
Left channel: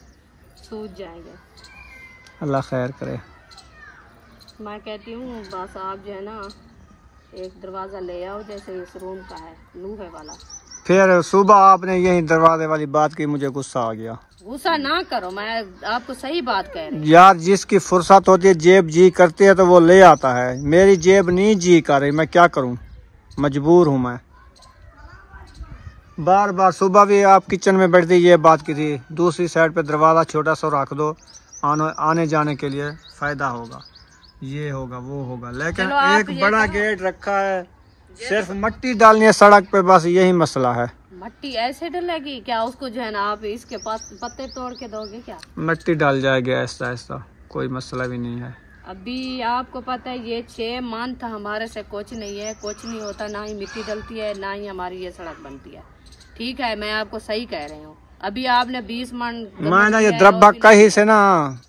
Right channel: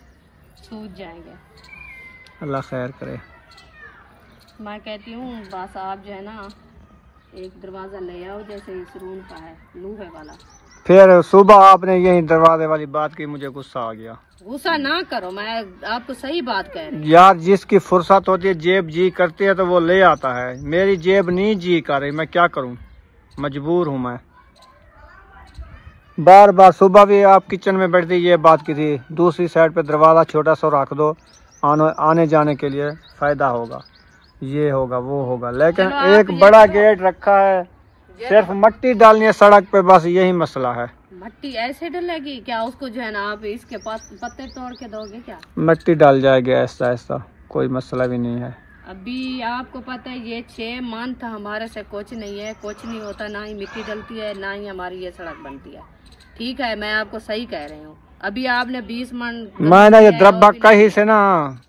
सूज जाएंगे। अल्लाह खैर करे। मैं कहती हूँ बस आप जो है ना एक दरवाजा ले आओ, जैसे इस रूम का है, लूहे वाला। फिर सुबह आपने यही दरवाजे वाली बात की, मुझे गुस्सा आ गया। गुस्सा ना करो, मैं आपको सही बात कह रही हूँ। यार जिसकी फुर्सत होती है, जेब जी करती है तो वो ले आता है। मेरी जेब नहीं जी कर रही, मैं क्या करूं, मजबूर हूं मैं। बार बार सुबह भी आप किचन में बैठती ये बात की थी, दूसरी साइड पे दरवाज़ा छोटा सा रख दो, आने जाने के लिए फ़ायदा होगा, ये होगा वो होगा। लेकिन एक बड़ा गेट रखा है, सिर्फ मट्टी डालनी है सड़क पे, बस यही मसला है। मट्टी ऐसे डलेगी क्या? उसको जो है ना आप इसके पत्ते तोड़ के दोगे क्या? मट्टी डाल जाएगी ऐसा ऐसा, कोई मसला भी नहीं है। अभी आपको पता है ये 6 मंथ हमारे से कुछ नहीं है, कुछ नहीं होता, ना ही मिट्टी डलती है ना ही हमारी ये सड़क बनती है। ठीक है, मैं आपको सही कह रही हूँ। अभी आपने 20 मन मैं ना ये द्रब्बा कहीं से ना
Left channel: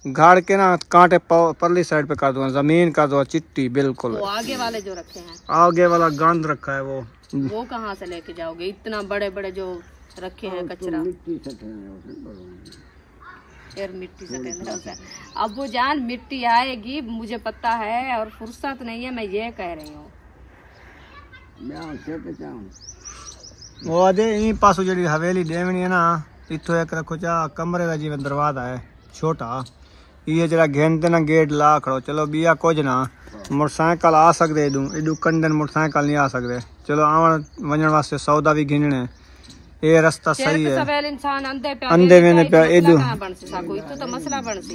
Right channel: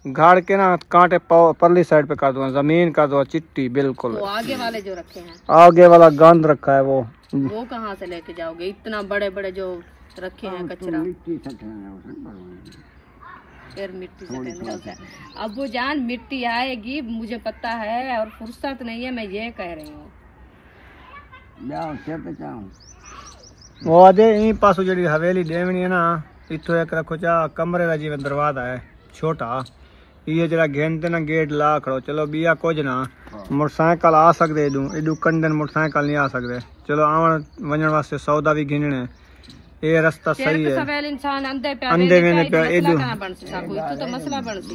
गाड़ के ना कांटे परली साइड पे कर दूंगा, जमीन कर दो चिट्टी बिल्कुल। वो आगे वाले जो रखे हैं, आगे वाला गंद रखा है वो कहाँ से लेके जाओगे? इतना बड़े बड़े जो रखे हैं कचरा, फिर मिट्टी से अब वो जान मिट्टी आएगी, मुझे पता है, और फुर्सत नहीं है, मैं ये कह रही हूँ। वो आदे इन पासों जी हवेली देवनी है ना, इतो एक रखो चा कमरे का जीवन दरवाजा है छोटा, ये जरा घेनते ना गेट ला खड़ो। चलो बिया कुछ ना मोटरसाइकिल आ सकते इडू कंडन मोटरसाइकिल नहीं आ सकते। चलो आवन वजन वास्ते सौदा भी गिनने, ये रास्ता सही है। अंधे मैंने पे इडू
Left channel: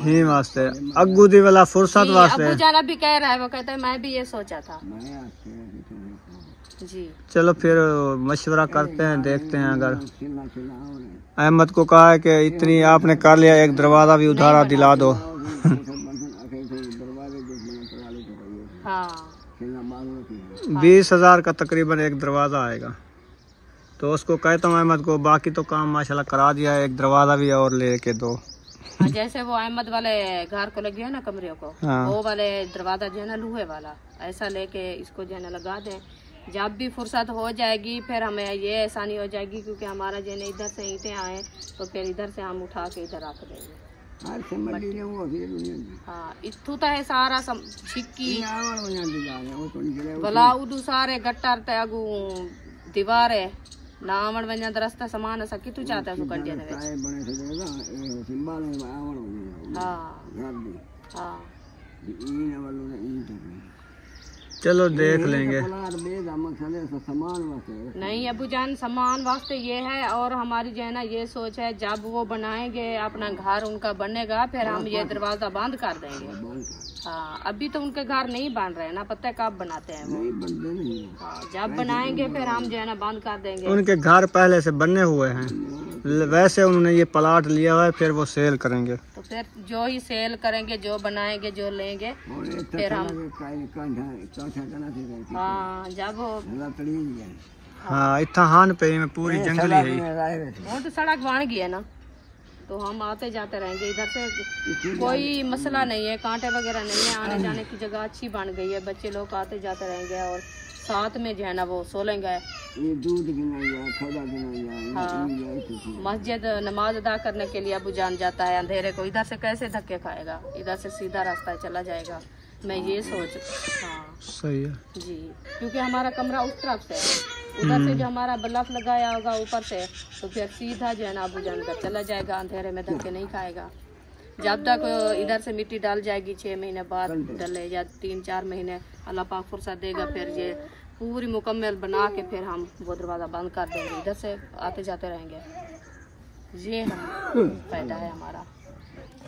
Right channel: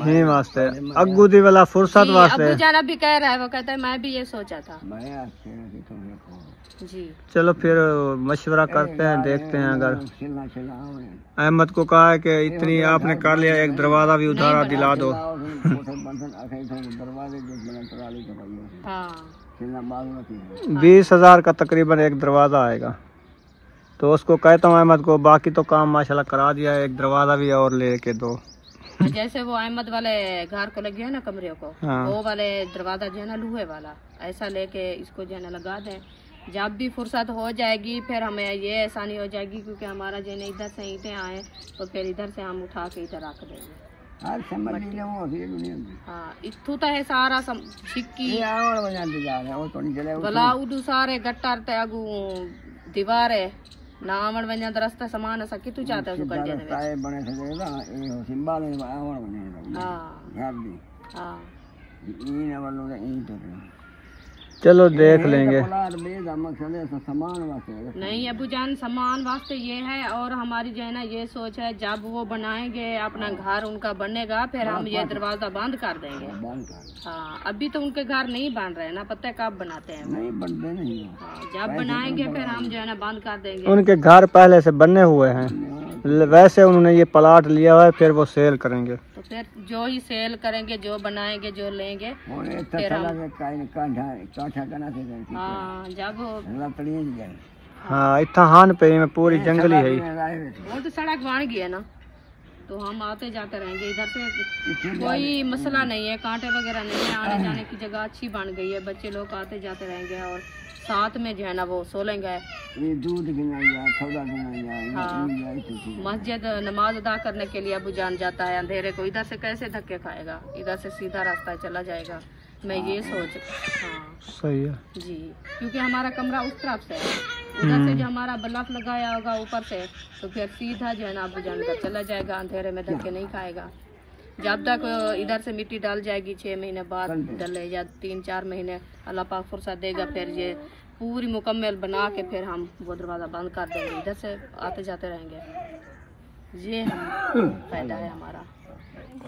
ही वास्ते अग्गू दी वाला फुर्सत वास्ते भी कह रहा है, वो कहता है मैं भी ये सोचा था जी। चलो फिर मशवरा करते हैं, देखते हैं। अगर अहमद को कहा है कि इतनी आपने कर लिया, एक दरवाजा भी उधारा दिला दो। हाँ 20,000 का तकरीबन एक दरवाजा आएगा, तो उसको कहता हूँ अहमद को, बाकी तो काम माशाल्लाह करा दिया है, एक दरवाजा भी और लेके दो। जैसे वो अहमद वाले घर को लगे है ना कमरे को, हाँ। वो वाले दरवाजा जो है ना लोहे वाला, ऐसा लेके इसको जो है ना लगा दें। जब भी फुर्सत हो जाएगी फिर हमें ये आसानी हो जाएगी, क्योंकि हमारा जो है इधर से ईंटें आए तो फिर इधर से हम उठा के इधर रख देंगे। हाँ इथू तो है सारा छिक्की गलाउडू सारे गट्टर तगू दीवार है ना आवण वञण त रस्ता समान असां किथू चाहता है कट देने चलो देख लेंगे। नहीं अबू जान सामान वास्ते ये है, और हमारी जो है ना ये सोच है, जब वो बनाएंगे अपना घर उनका बनेगा फिर हम ये दरवाजा बंद कर देंगे। हाँ अभी तो उनके घर नहीं बन रहे ना, पता है कब बनाते हैं, नहीं बनते नहीं। हाँ जब बनाएंगे फिर हम जो है ना बंद कर देंगे। उनके घर पहले से बनने हुए हैं, वैसे उन्होंने ये प्लाट लिया हुआ है, फिर वो सेल करेंगे। तो फिर जो ही सेल करेंगे, जो बनाएंगे, जो लेंगे फिर हम हाँ जब हाँ इतना हान पे में पूरी जंगली है, वो तो सड़क बन गई है ना, तो हम आते जाते रहेंगे। इधर से कोई मसला नहीं है, कांटे वगैरह नहीं है, आने जाने की जगह अच्छी बन गई है, बच्चे लोग आते जाते रहेंगे, और साथ में जो है ना वो सो लेंगे। हाँ मस्जिद नमाज अदा करने के लिए अबू जान जाता है, अंधेरे को इधर से कैसे धक्के खाएगा, इधर से सीधा रास्ता चला जाएगा। मैं ये सोच हाँ सही है जी, क्योंकि हमारा कमरा उस तरफ से है, उधर से जो हमारा बल्ब लगाया होगा ऊपर से, तो फिर सीधा जो है ना अबू जान का चला जाएगा, अंधेरे में धक्के नहीं खाएगा। जब तक इधर से मिट्टी डाल जाएगी 6 महीने बाद डले, या 3-4 महीने अल्लाह पाक फुर्सत देगा, फिर ये पूरी मुकम्मल बना के फिर हम वो दरवाज़ा बंद कर देंगे, इधर से आते जाते रहेंगे। ये फायदा है हमारा।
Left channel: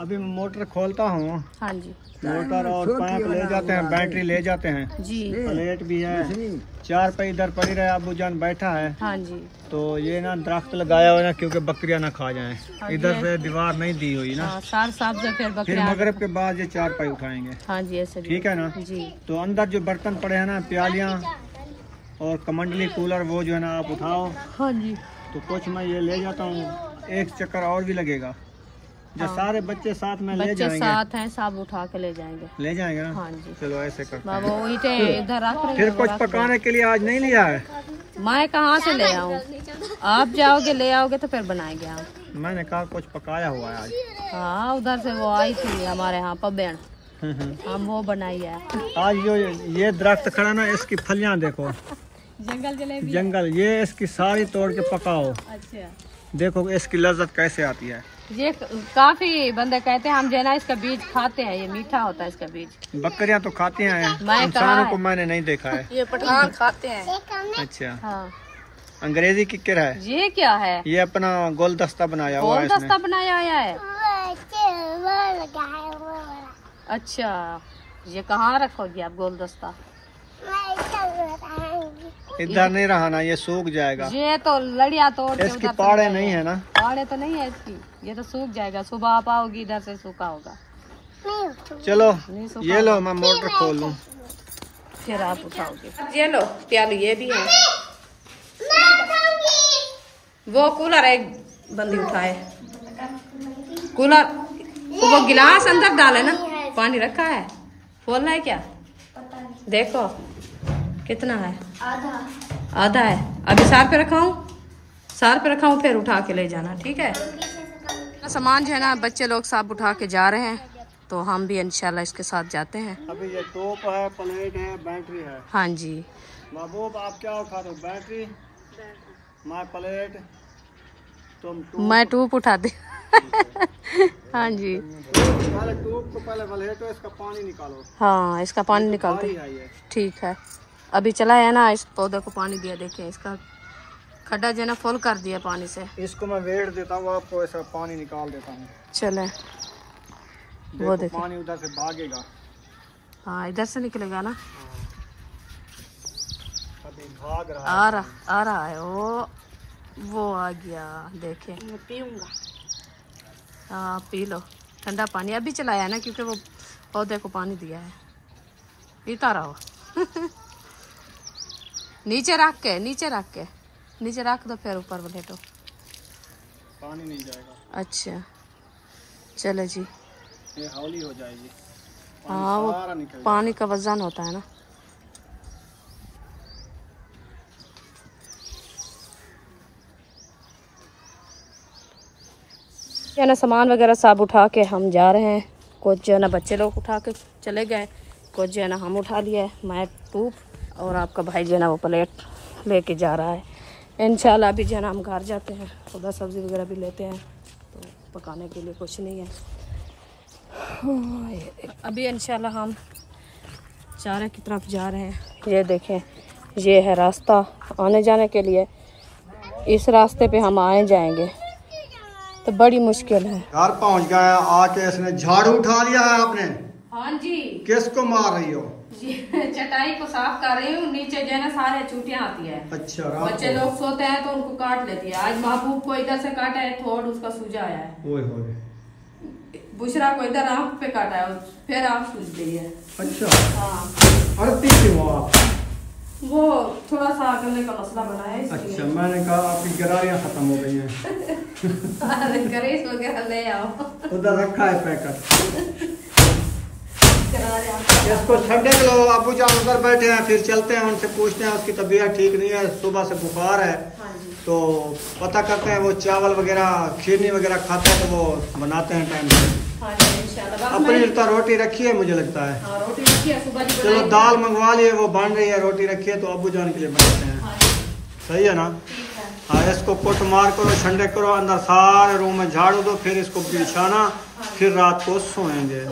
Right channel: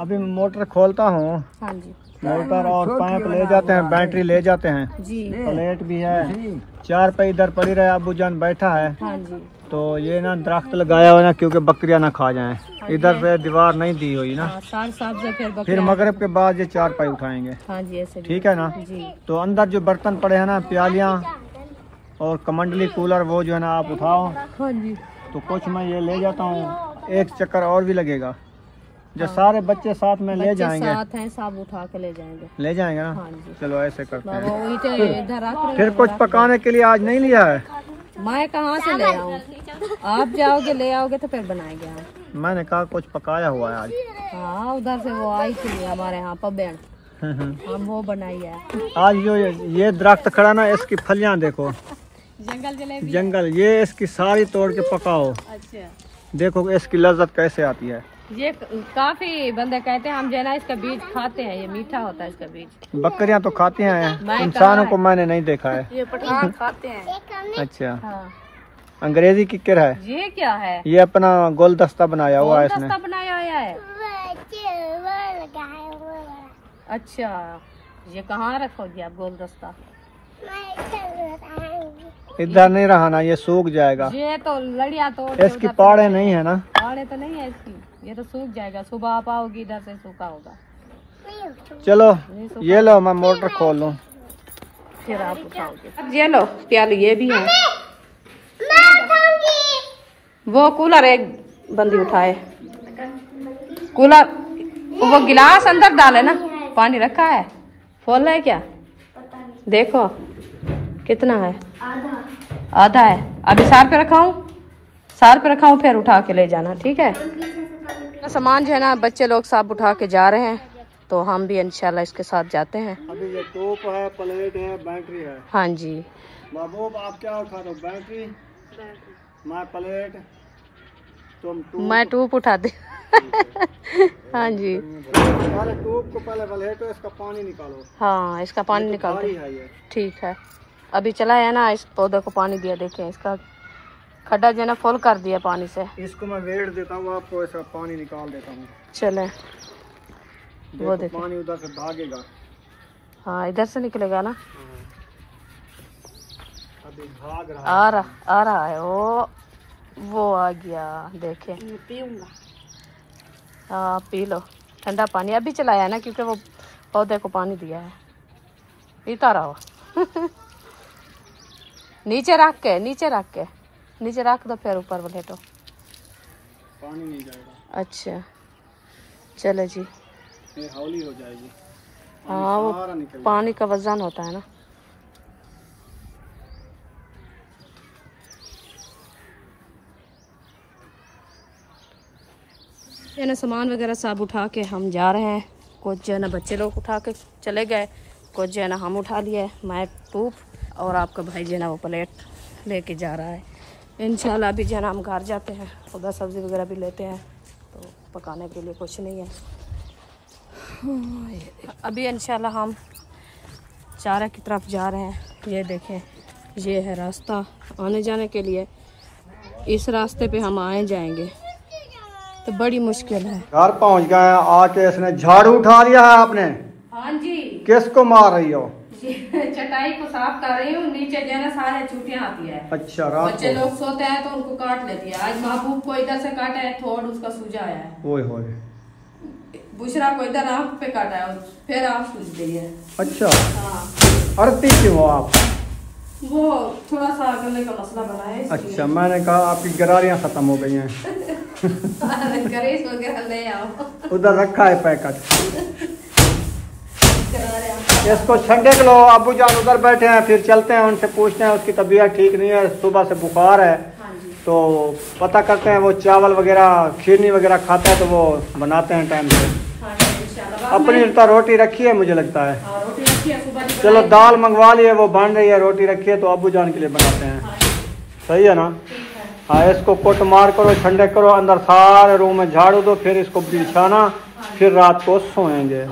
अभी मोटर खोलता हूँ। हाँ जी मोटर और पाइप ले जाते हैं, बैटरी ले जाते हैं जी, प्लेट भी है, 4 पे इधर पड़ी रहे, अबू जान बैठा है। हाँ जी तो ये ना दरख्त लगाया हुआ ना, क्योंकि बकरियां ना खा जाएं। इधर पे दीवार नहीं दी हुई ना, फिर मगरिब के बाद ये 4 पाई उठाएंगे। हाँ जी ऐसे ठीक है ना जी। तो अंदर जो बर्तन पड़े हैं ना, प्यालियाँ और कमंडली कूलर, वो जो है ना आप उठाओ। हाँ जी तो कुछ मैं ये ले जाता हूँ, एक चक्कर और भी लगेगा। जो सारे बच्चे साथ में ले जाएंगे, साथ हैं, सब उठा के ले जाएंगे ना। हाँ जी चलो ऐसे करते हैं। वो इधर रख रहे। फिर कुछ पकाने के लिए आज नहीं लिया है, मैं कहाँ से ले आऊँ, आप जाओगे ले आओगे तो फिर बनाएंगे हम। मैंने कहा कुछ पकाया हुआ है आज। हाँ उधर से वो आई थी हमारे यहाँ पबेन, हम वो बनाई है आज। जो ये दरख्त खड़ा ना, इसकी फलियां देखो, जंगल जलेबी, जंगल, ये इसकी सारी तोड़ के पकाओ। अच्छा देखो इसकी लज्जत कैसे आती है। ये काफी बंदे कहते हैं हम जो है ना इसका बीज खाते हैं, ये मीठा होता है इसका बीज। बकरियां तो खाती हैं, इंसानों को मैंने नहीं देखा है। ये पठान खाते हैं। अच्छा हाँ। अंग्रेजी किक्कर है। ये क्या है? ये अपना गुलदस्ता बनाया हुआ है इसने। गुलदस्ता बनाया है। अच्छा, ये कहाँ रखोगी आप गुलदस्ता? इधर नहीं रहा ना, ये सूख जाएगा। ये तो लड़िया तोड़ इसकी पाड़े नहीं है ना। पाड़े तो नहीं है इसकी, ये तो सूख जाएगा। सुबह आप आओगी इधर से सूखा होगा। चलो ये लो, मैं मोटर खोल लूं, फिर आप उठाओगे। ये लो प्याली, ये भी है। वो कूलर एक बंदी उठाए, कूलर वो गिलास अंदर डाले ना, पानी रखा है, खोल रहे क्या? देखो कितना है, आधा है। अभी सार पे रखाऊं, फिर उठा के ले जाना, ठीक है? सामान जो है ना बच्चे लोग सब उठा के जा रहे हैं, तो हम भी इंशाल्लाह इसके साथ जाते हैं। अभी ये टोप है, प्लेट है, बैटरी है। हाँ जी महबूब, आप क्या उठा दो? बैटरी, मैं प्लेट, तुम टूप। मैं टूप उठा दे। हाँ जी, पहले टूप को पहले वलेटो, इसका पानी निकालो। हाँ इसका पानी निकालते, ठीक है। अभी चला है ना, इस पौधे को पानी दिया, देखें इसका खड्डा जो है ना फुल कर दिया पानी से। इसको मैं वेट देता हूँ, आपको इसका पानी निकाल देता हूँ। चले वो देखो, पानी उधर से भागेगा। हाँ इधर से निकलेगा ना। अभी भाग रहा आ रहा है वो आ गया, देखे। हाँ पी लो ठंडा पानी, अभी चलाया है ना क्योंकि वो पौधे को पानी दिया है, पीता रहो। नीचे रख दो, फिर ऊपर लेटो, पानी नहीं जाएगा। अच्छा चलो जी, ये हौली हो जाएगी। हाँ वो पानी का वजन होता है ना। जो है ना सामान वगैरह सब उठा के हम जा रहे हैं। कुछ जो है ना बच्चे लोग उठा के चले गए, कुछ जो है ना हम उठा लिए। मैं टूप और आपका भाई जो है ना वो प्लेट लेके जा रहा है। इंशाल्लाह अभी जो है ना हम घर जाते हैं, उधर सब्ज़ी वगैरह भी लेते हैं, तो पकाने के लिए कुछ नहीं है। अभी इंशाल्लाह हम चारा की तरफ जा रहे हैं। ये देखें, ये है रास्ता आने जाने के लिए। इस रास्ते पे हम आए जाएंगे तो बड़ी मुश्किल है। घर पहुंच गए, आके इसने झाड़ू उठा लिया है आपने? हाँ जी। किसको मार रही हो? चटाई को साफ कर रही हूँ, नीचे जो है ना सारे चूटियाँ आती है। अच्छा, बच्चे लोग सोते हैं तो उनको काट लेती है। आज महबूब को इधर से काटा है, थोड़ा उसका सूजा आया है। ओए होए। बुशरा को इधर आँख पे काटा है, फिर आँख सूज गई है। अच्छा, हाँ। अड़ती क्यों हो आप? वो थोड़ा सा गले का मसला बना है। अच्छा, मैंने कहा आपकी गरारियाँ खत्म हो गई हैं। गरीस वगैरह ले आओ, उधर रखा है पैकेट। इसको ठंडे के लो, अबू जान उधर बैठे हैं, फिर चलते हैं उनसे पूछते हैं। उसकी तबीयत ठीक नहीं है, सुबह से बुखार है, तो पता करते हैं। वो चावल वगैरह खीरनी वगैरह खाता है तो वो बनाते हैं टाइम से। अपनी रोटी रखी है मुझे लगता है। चलो दाल मंगवा लिए, वो बन रही है, रोटी रखी है, तो अबू जान के लिए बनाते हैं। सही है ना? हाँ, इसको कुट मार करो, ठंडे करो, अंदर सारे रूम में झाड़ू दो, फिर इसको बिछाना, फिर रात को सोएंगे।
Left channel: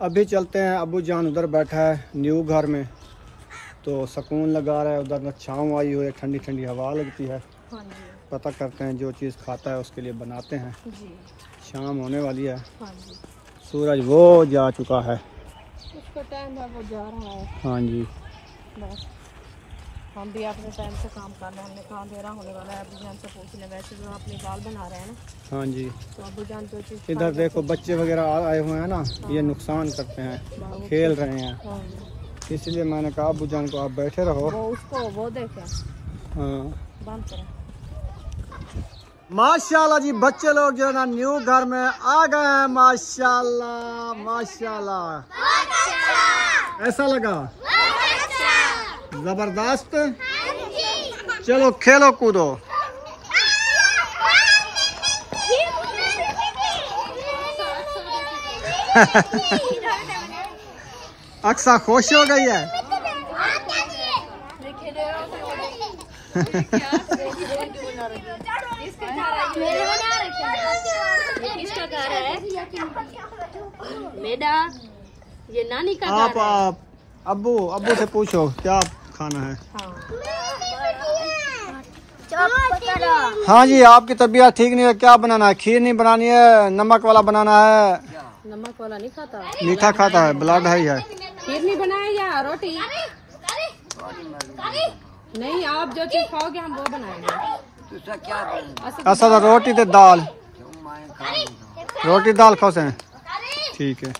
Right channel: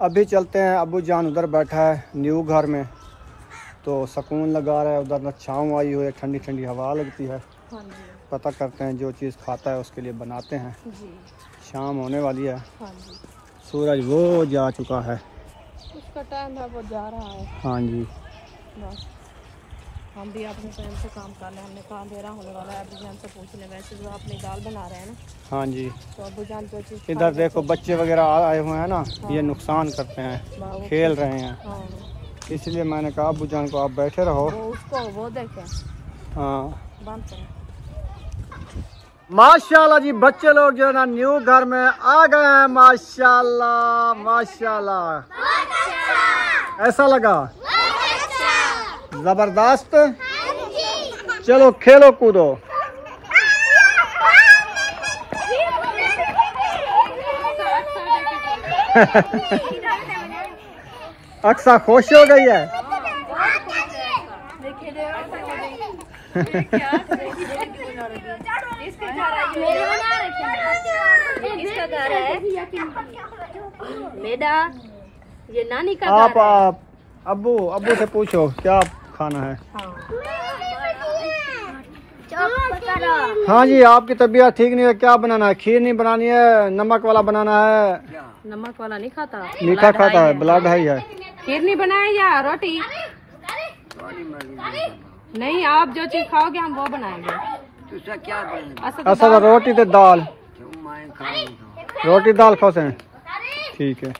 अभी चलते हैं, अबू जान उधर बैठा है न्यू घर में, तो सुकून लगा रहा है। उधर छाँव आई हुई है, ठंडी ठंडी हवा लगती है। पता करते हैं, जो चीज़ खाता है उसके लिए बनाते हैं। शाम होने वाली है, सूरज वो जा चुका है, उसका टाइम है, वो जा रहा है। हाँ जी, बस हम भी अपने टाइम से काम कर रहे हैं। हमने कहा अंधेरा होने वाला है, अबू जान से पूछ लें। वैसे जो अपनी दाल बना रहे हैं ना, हाँ जी। तो अबू जान जो चीज़ इधर देखो बच्चे वगैरह आए हुए हैं ना, ये नुकसान करते हैं, खेल रहे हैं। हाँ। इसलिए मैंने कहा अबू जान को आप बैठे रहो। वो उसको वो देखें, हाँ बंद करें। माशाल्लाह जी, बच्चे लोग जो है ना न्यू घर में आ गए हैं। माशाल्लाह माशाल्लाह, ऐसा लगा जबरदस्त। चलो खेलो कूदो। अक्सा खुश हो गई है। घर है मेरा, ये नानी का घर है। आप अब्बू से पूछो क्या खाना है। हाँ जी, आपकी तबीयत ठीक नहीं है, क्या बनाना है? खीर नहीं बनानी है, नमक वाला बनाना है? नमक वाला नहीं खाता, मीठा खाता है, ब्लड है। खीर नहीं बनाए या रोटी? नहीं, आप जो चीज खाओगे हम वो बनाएंगे। ऐसा तो रोटी तो दाल, रोटी दाल खाओ से। ठीक है,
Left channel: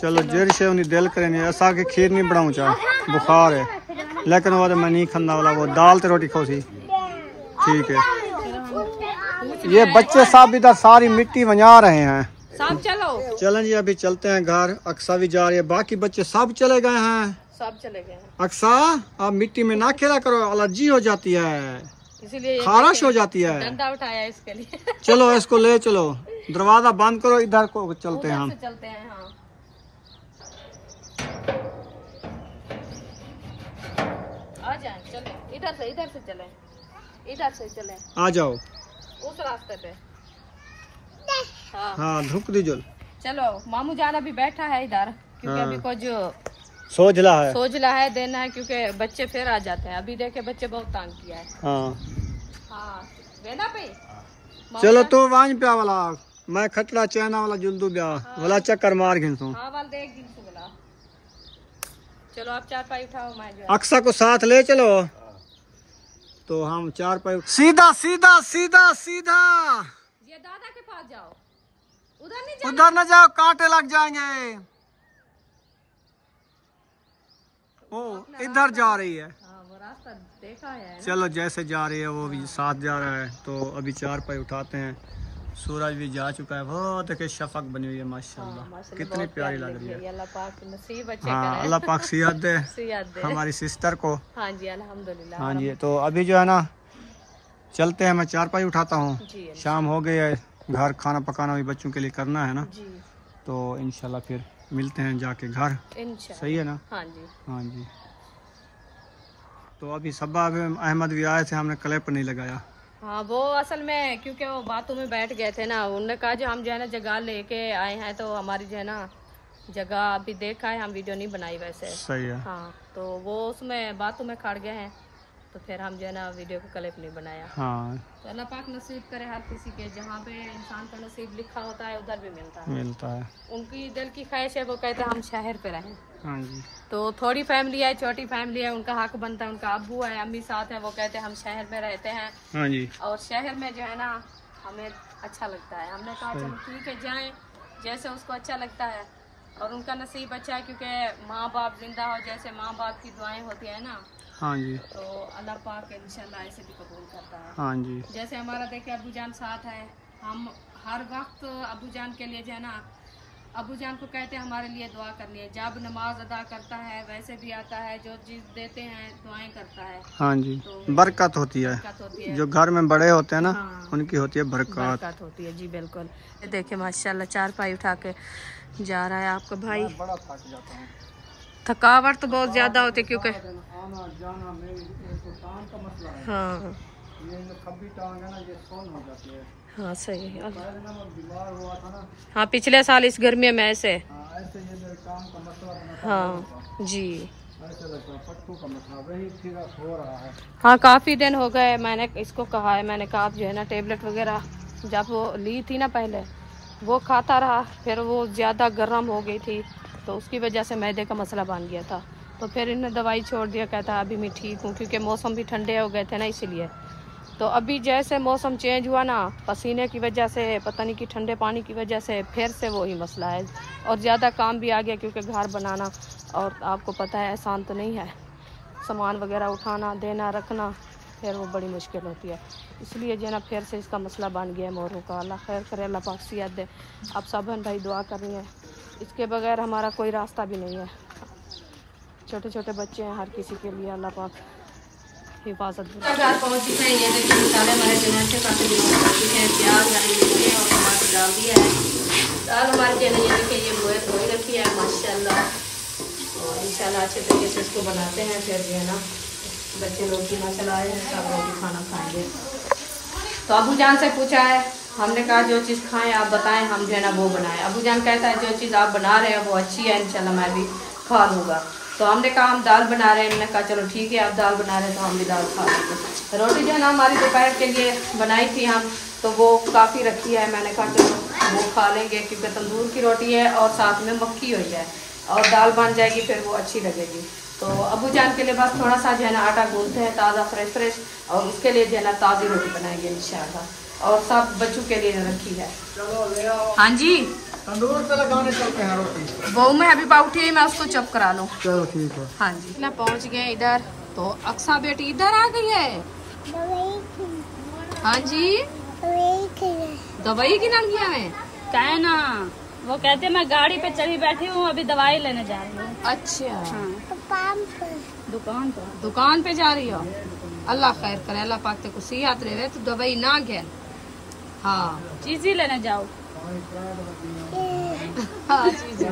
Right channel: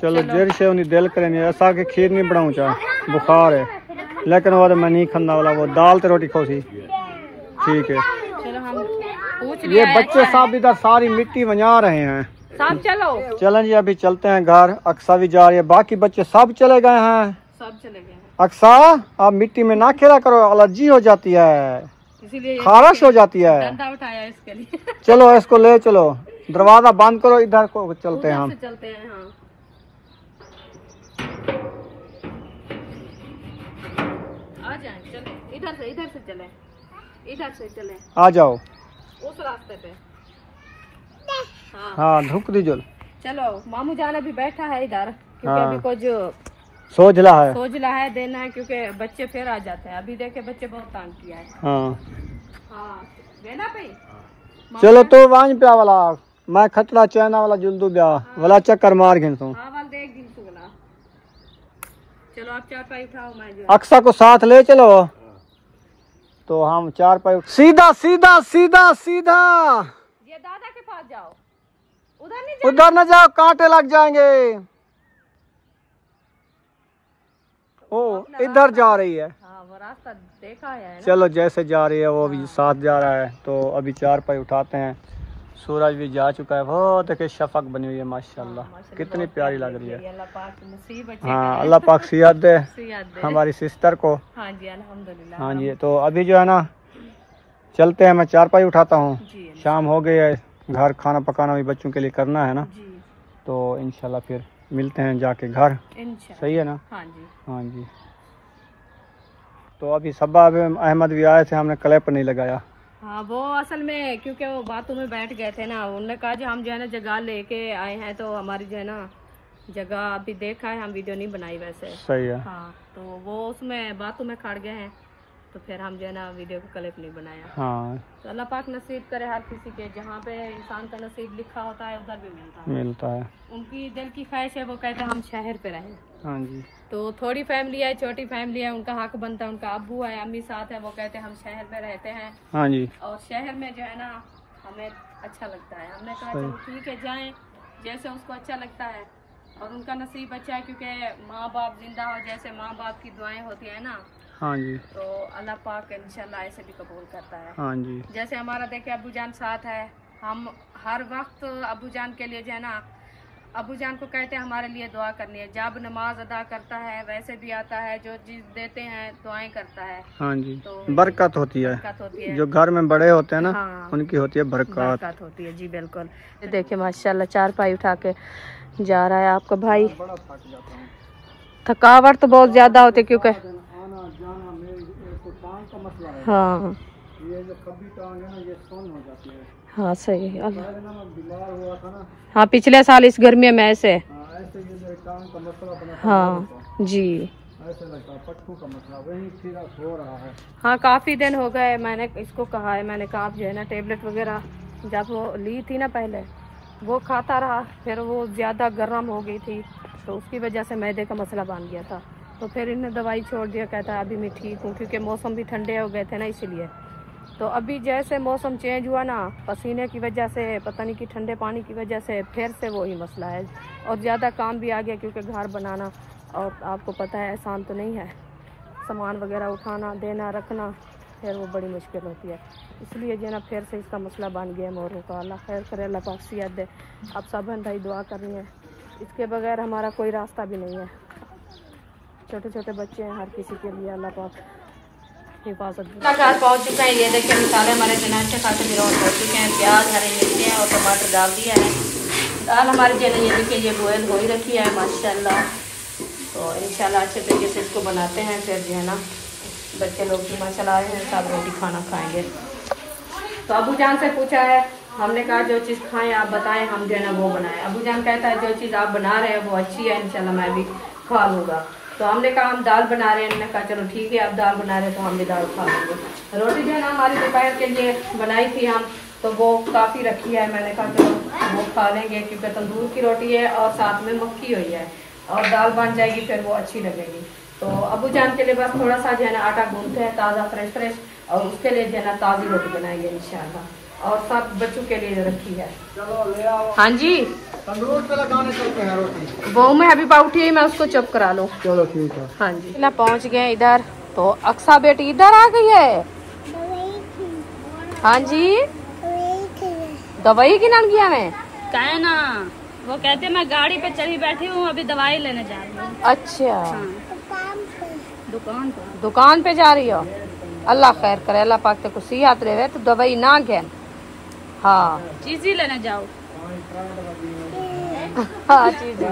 चलो जेर से उन्हें दिल करे नहीं, ऐसा कि खीर नहीं बनाऊँ चाह, बुखार है, लेकिन वो मैं नहीं खाना वाला, वो दाल तो रोटी खाओ सी। ठीक है, चलो हम पूछ ये बच्चे साहब इधर सारी मिट्टी बना रहे हैं। सब चलो चलें जी, अभी चलते हैं घर। अक्सा भी जा रही है, बाकी बच्चे सब चले गए हैं। सब चले गए। अक्सा, आप मिट्टी में ना खेला करो, एलर्जी हो जाती है, इसीलिए खारिश हो जाती है। डंडा उठाया इसके लिए। चलो इसको ले चलो, दरवाजा बंद करो, इधर को चलते हैं हम। चलते हैं। हाँ, आ जाए, चलो इधर से चले, इधर से चले, आ जाओ उस रास्ते पे। हाँ, धुक दीजो। चलो, मामू जान अभी बैठा है इधर, क्योंकि हाँ। अभी को जो सोचला है। सोचला है देना है, क्योंकि बच्चे फिर आ जाते हैं। अभी देखे बच्चे बहुत तंग किया है। हाँ, देना पे। चलो तो वांज पे वाला मैं खतरा चैना वाला जुल्दू ब्याह वाला चक्कर मार घिनसू। हाँ, वाल देख दिन से बोला। चलो आप 4 पाई उठाओ, मैं जो अक्सा को साथ ले चलो, तो हम 4 पाई सीधा सीधा सीधा सीधा। ये दादा के पास जाओ, उधर नहीं जाओ। उधर न जाओ, कांटे लग जाएंगे। ओ, इधर जा रही है। हाँ, वो रास्ता देखा है। चलो, जैसे जा रही है वो भी साथ जा रहा है, तो अभी 4 पाई उठाते हैं। सूरज भी जा चुका है, वो देखिए शफक बनी हुई है, माशाल्लाह कितनी प्यारी लग रही है। अल्लाह पाक नसीब अच्छे हाँ, करे। अल्लाह पाक सियात दे सियात दे। हमारी सिस्टर को। हाँ जी, अल्हम्दुलिल्लाह। हाँ जी, तो अभी जो है ना चलते हैं, मैं 4 पाई उठाता हूँ। जी, शाम हो गई है, घर खाना पकाना भी बच्चों के लिए करना है ना, जी, तो इंशाल्लाह फिर मिलते हैं जाके घर। इंशाल्लाह। सही है ना? हाँ जी। हाँ जी, तो अभी सब्बा अहमद भी आए थे, हमने क्लिप नहीं लगाया। हाँ, वो असल में क्योंकि वो बातों में बैठ गए थे ना, उन्होंने कहा जो हम जो है ना जगह लेके आए हैं, तो हमारी जो है ना जगह अभी देखा है, हम वीडियो नहीं बनाई वैसे। सही है। हाँ, तो वो उसमें बातों में खड़ गए हैं, तो फिर हम जो है ना वीडियो को क्लिप नहीं बनाया। हाँ, तो अल्लाह पाक नसीब करे हर किसी के, जहाँ पे इंसान का नसीब लिखा होता है उधर भी मिलता है। मिलता है। उनकी दिल की ख्वाहिश है, वो कहते हैं हम शहर पे रहें। हाँ जी, तो थोड़ी फैमिली है, छोटी फैमिली है, उनका हक बनता है। उनका अब्बू है, अम्मी साथ है, वो कहते हैं हम शहर में रहते हैं, हाँ जी, और शहर में जो है ना हमें अच्छा लगता है। हमने कहा चलो ठीक है, जाएं जैसे उसको अच्छा लगता है, और उनका नसीब अच्छा है, क्योंकि माँ बाप जिंदा हो, जैसे माँ बाप की दुआएं होती है ना, हाँ जी, तो अल्लाह पाक इंशाल्लाह ऐसे भी कबूल करता है। हाँ जी, जैसे हमारा देखे अबू जान साथ है, हम हर वक्त अबू जान के लिए जो है ना, अबू जान को कहते हैं हमारे लिए दुआ करनी है। जब नमाज अदा करता है वैसे भी आता है, जो चीज देते हैं दुआएं करता है, हाँ जी, तो बरकत होती है। बरकत होती है। जो घर में बड़े होते हैं ना, हाँ, उनकी होती है बरकत। बरकत होती है। जी बिल्कुल। ये देखिए माशाल्लाह 4 पाई उठा के जा रहा है आपका भाई। थकावट तो बहुत ज्यादा होती है, क्योंकि हाँ हाँ सही है। हाँ, पिछले साल इस गर्मी में ऐसे। हाँ जी, हाँ काफी दिन हो गए। मैंने इसको कहा है, मैंने कहा आप जो है ना टेबलेट वगैरह जब वो ली थी ना पहले, वो खाता रहा, फिर वो ज्यादा गर्म हो गई थी, तो उसकी वजह से मैदे का मसला बन गया था। तो फिर इन्हें दवाई छोड़ दिया, कहता है अभी मैं ठीक हूँ, क्योंकि मौसम भी ठंडे हो गए थे ना, इसीलिए। तो अभी जैसे मौसम चेंज हुआ ना, पसीने की वजह से, पता नहीं कि ठंडे पानी की वजह से, फिर से वही मसला है, और ज़्यादा काम भी आ गया, क्योंकि घर बनाना, और आपको पता है आसान तो नहीं है, सामान वगैरह उठाना, देना, रखना, फिर वो बड़ी मुश्किल होती है। इसलिए जो है ना फिर से इसका मसला बन गया है मोरों का। अल्लाह खैर करे, अल्लाह पाक सियात दे। आप सब बहन भाई दुआ करनी है, इसके बगैर हमारा कोई रास्ता भी नहीं है। छोटे छोटे बच्चे हैं, हर किसी के लिए अल्लाह पाक हिफाजत दे। घर पहुँच चुका है, ये देखिए मसाले हमारे चना से खाते पहुँच चुके हैं। प्याज, हरी मिर्ची और टमाटर डाल दिया है। दाल हमारी जो है ये देखिए ये बॉयल हो ही रखी है माशाल्लाह। तो इंशाल्लाह अच्छे तरीके से इसको बनाते हैं, फिर जो है ना बच्चे लोग कीमा चलाए हैं, सब रोटी खाना खाएंगे। तो अबू जान से पूछा है, हमने कहा जो चीज़ खाएं आप बताएं, हम जो है ना वो बनाएं। अबू जान कहता है जो चीज़ आप बना रहे हैं वो अच्छी है, इंशाल्लाह मैं भी खा लूँगा। तो हमने कहा हम दाल बना रहे हैं, हमने कहा चलो ठीक है आप दाल बना रहे हैं तो हम भी दाल खा लेंगे। रोटी जो है ना हमारी दोपहर के लिए बनाई थी हम, तो वो काफ़ी रखी है, मैंने कहा चलो वो खा लेंगे क्योंकि तंदूर की रोटी है और साथ में मक्की हुई है और दाल बन जाएगी फिर वो अच्छी लगेगी। तो अबू जान के लिए बस थोड़ा सा जो है ना आटा गूंथते हैं ताज़ा फ्रेश और उसके लिए जो है ना ताज़ी रोटी बनाएंगे इंशाल्लाह, और सब बच्चों के लिए रखी है। हाँ जी तंदूर से लगाने चलते हैं रोटी। वो मैं अभी उठी है, मैं उसको चुप करा लूँ। चलो ठीक है। हाँ जी ना पहुँच गए इधर, तो अक्सा बेटी इधर आ गई है। हाँ जी दवाई की नाम किया मैं क्या है ना, वो कहते मैं गाड़ी पे चढ़ी बैठी हूँ, अभी दवाई लेने जा रही हूँ। अच्छा दुकान पे जा रही हो, अल्लाह खैर करे, अल्लाह पाक ते को सेहत रहे तो दवाई ना घेन। हाँ चीज ही लेने जाओ। हाँ चीज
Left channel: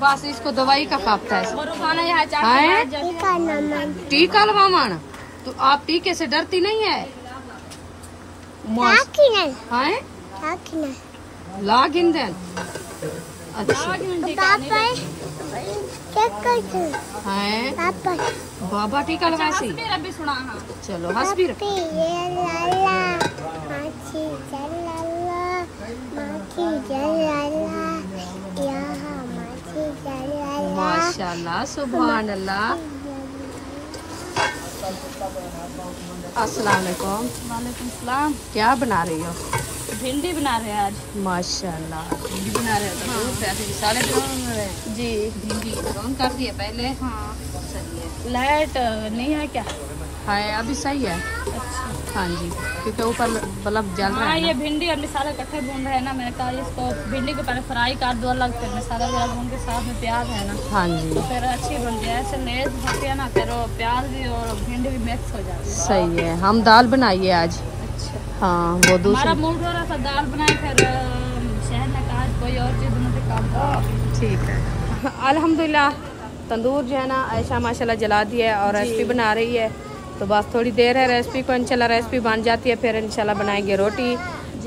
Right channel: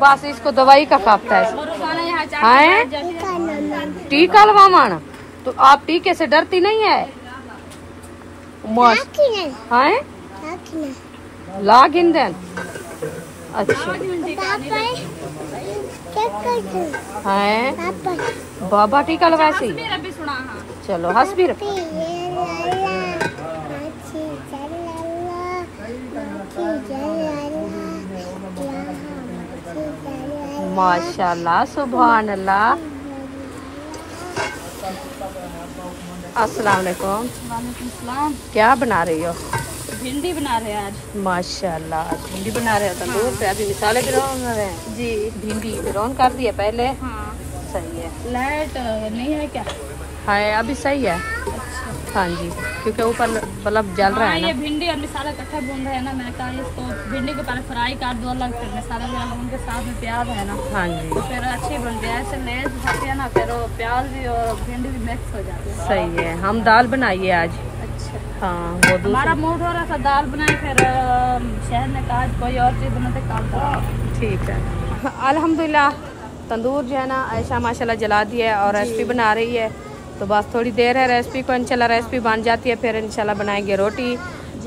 बस इसको दवाई का खापता है। टीका लवामन, तो आप टीके से डरती नहीं है? लाग इंदन। अच्छा है बाबा टीका लवासी। चलो हंस भी रख। माशाल्लाह सुभान अल्लाह। अस्सलाम वालेकुम। वालेकुम। क्या बना रही हो? भिंडी बना रहे हैं आज। माशाल्लाह भिंडी बना रहे हो, तंदूर पे अभी मिसाले भी बना रहे हैं जी। भिंडी रोन कर दिए पहले। हाँ सही है। लाइट नहीं है क्या? हाँ अभी सही है। अच्छा हाँ जी क्योंकि ऊपर बल्ब जल रहा है ना। ये भिंडी और मिसाला इकट्ठा भून रहे हैं ना, मैंने कहा इसको भिंडी को पहले फ्राई कर दो अलग, फिर मिसाला वगैरह भून के साथ में प्याज है ना। हाँ जी फिर अच्छी बन जाए, ऐसे लेज होती है ना, फिर प्याज भी और भिंडी भी मिक्स हो जाती है। सही है। हम दाल बनाइए आज। अच्छा हाँ वो हमारा दूसरा मूड हो रहा था दाल बनाए, फिर शहर में कहा कोई और चीज़ बनाते काम करा। ठीक है। अल्हम्दुलिल्लाह तंदूर जो है ना ऐशा माशाल्लाह जला दिया है और रेसिपी बना रही है, तो बस थोड़ी देर है रेसिपी को, इंशाल्लाह रेसिपी बन जाती है फिर इंशाल्लाह बनाएंगे रोटी।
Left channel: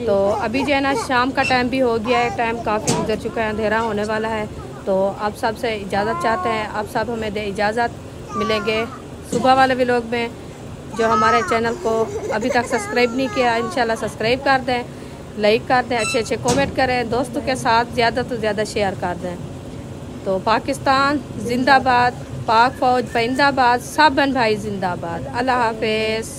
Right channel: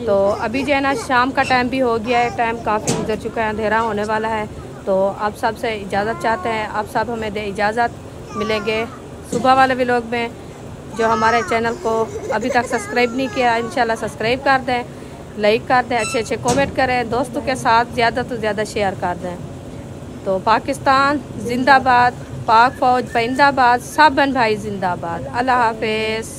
तो अभी जो है ना शाम का टाइम भी हो गया है, टाइम काफ़ी गुजर चुका है, अंधेरा होने वाला है। तो आप सब से इजाज़त चाहते हैं, आप सब हमें दे इजाज़त। मिलेंगे सुबह वाले व्लॉग में। जो हमारे चैनल को अभी तक सब्सक्राइब नहीं किया इंशाल्लाह सब्सक्राइब कर दें, लाइक कर दें, अच्छे अच्छे कमेंट करें, दोस्तों के साथ ज़्यादा तो ज़्यादा शेयर कर दें। तो पाकिस्तान जिंदाबाद, पाक फौज जिंदाबाद, सब बहन भाई जिंदाबाद। अल्लाह हाफिज़।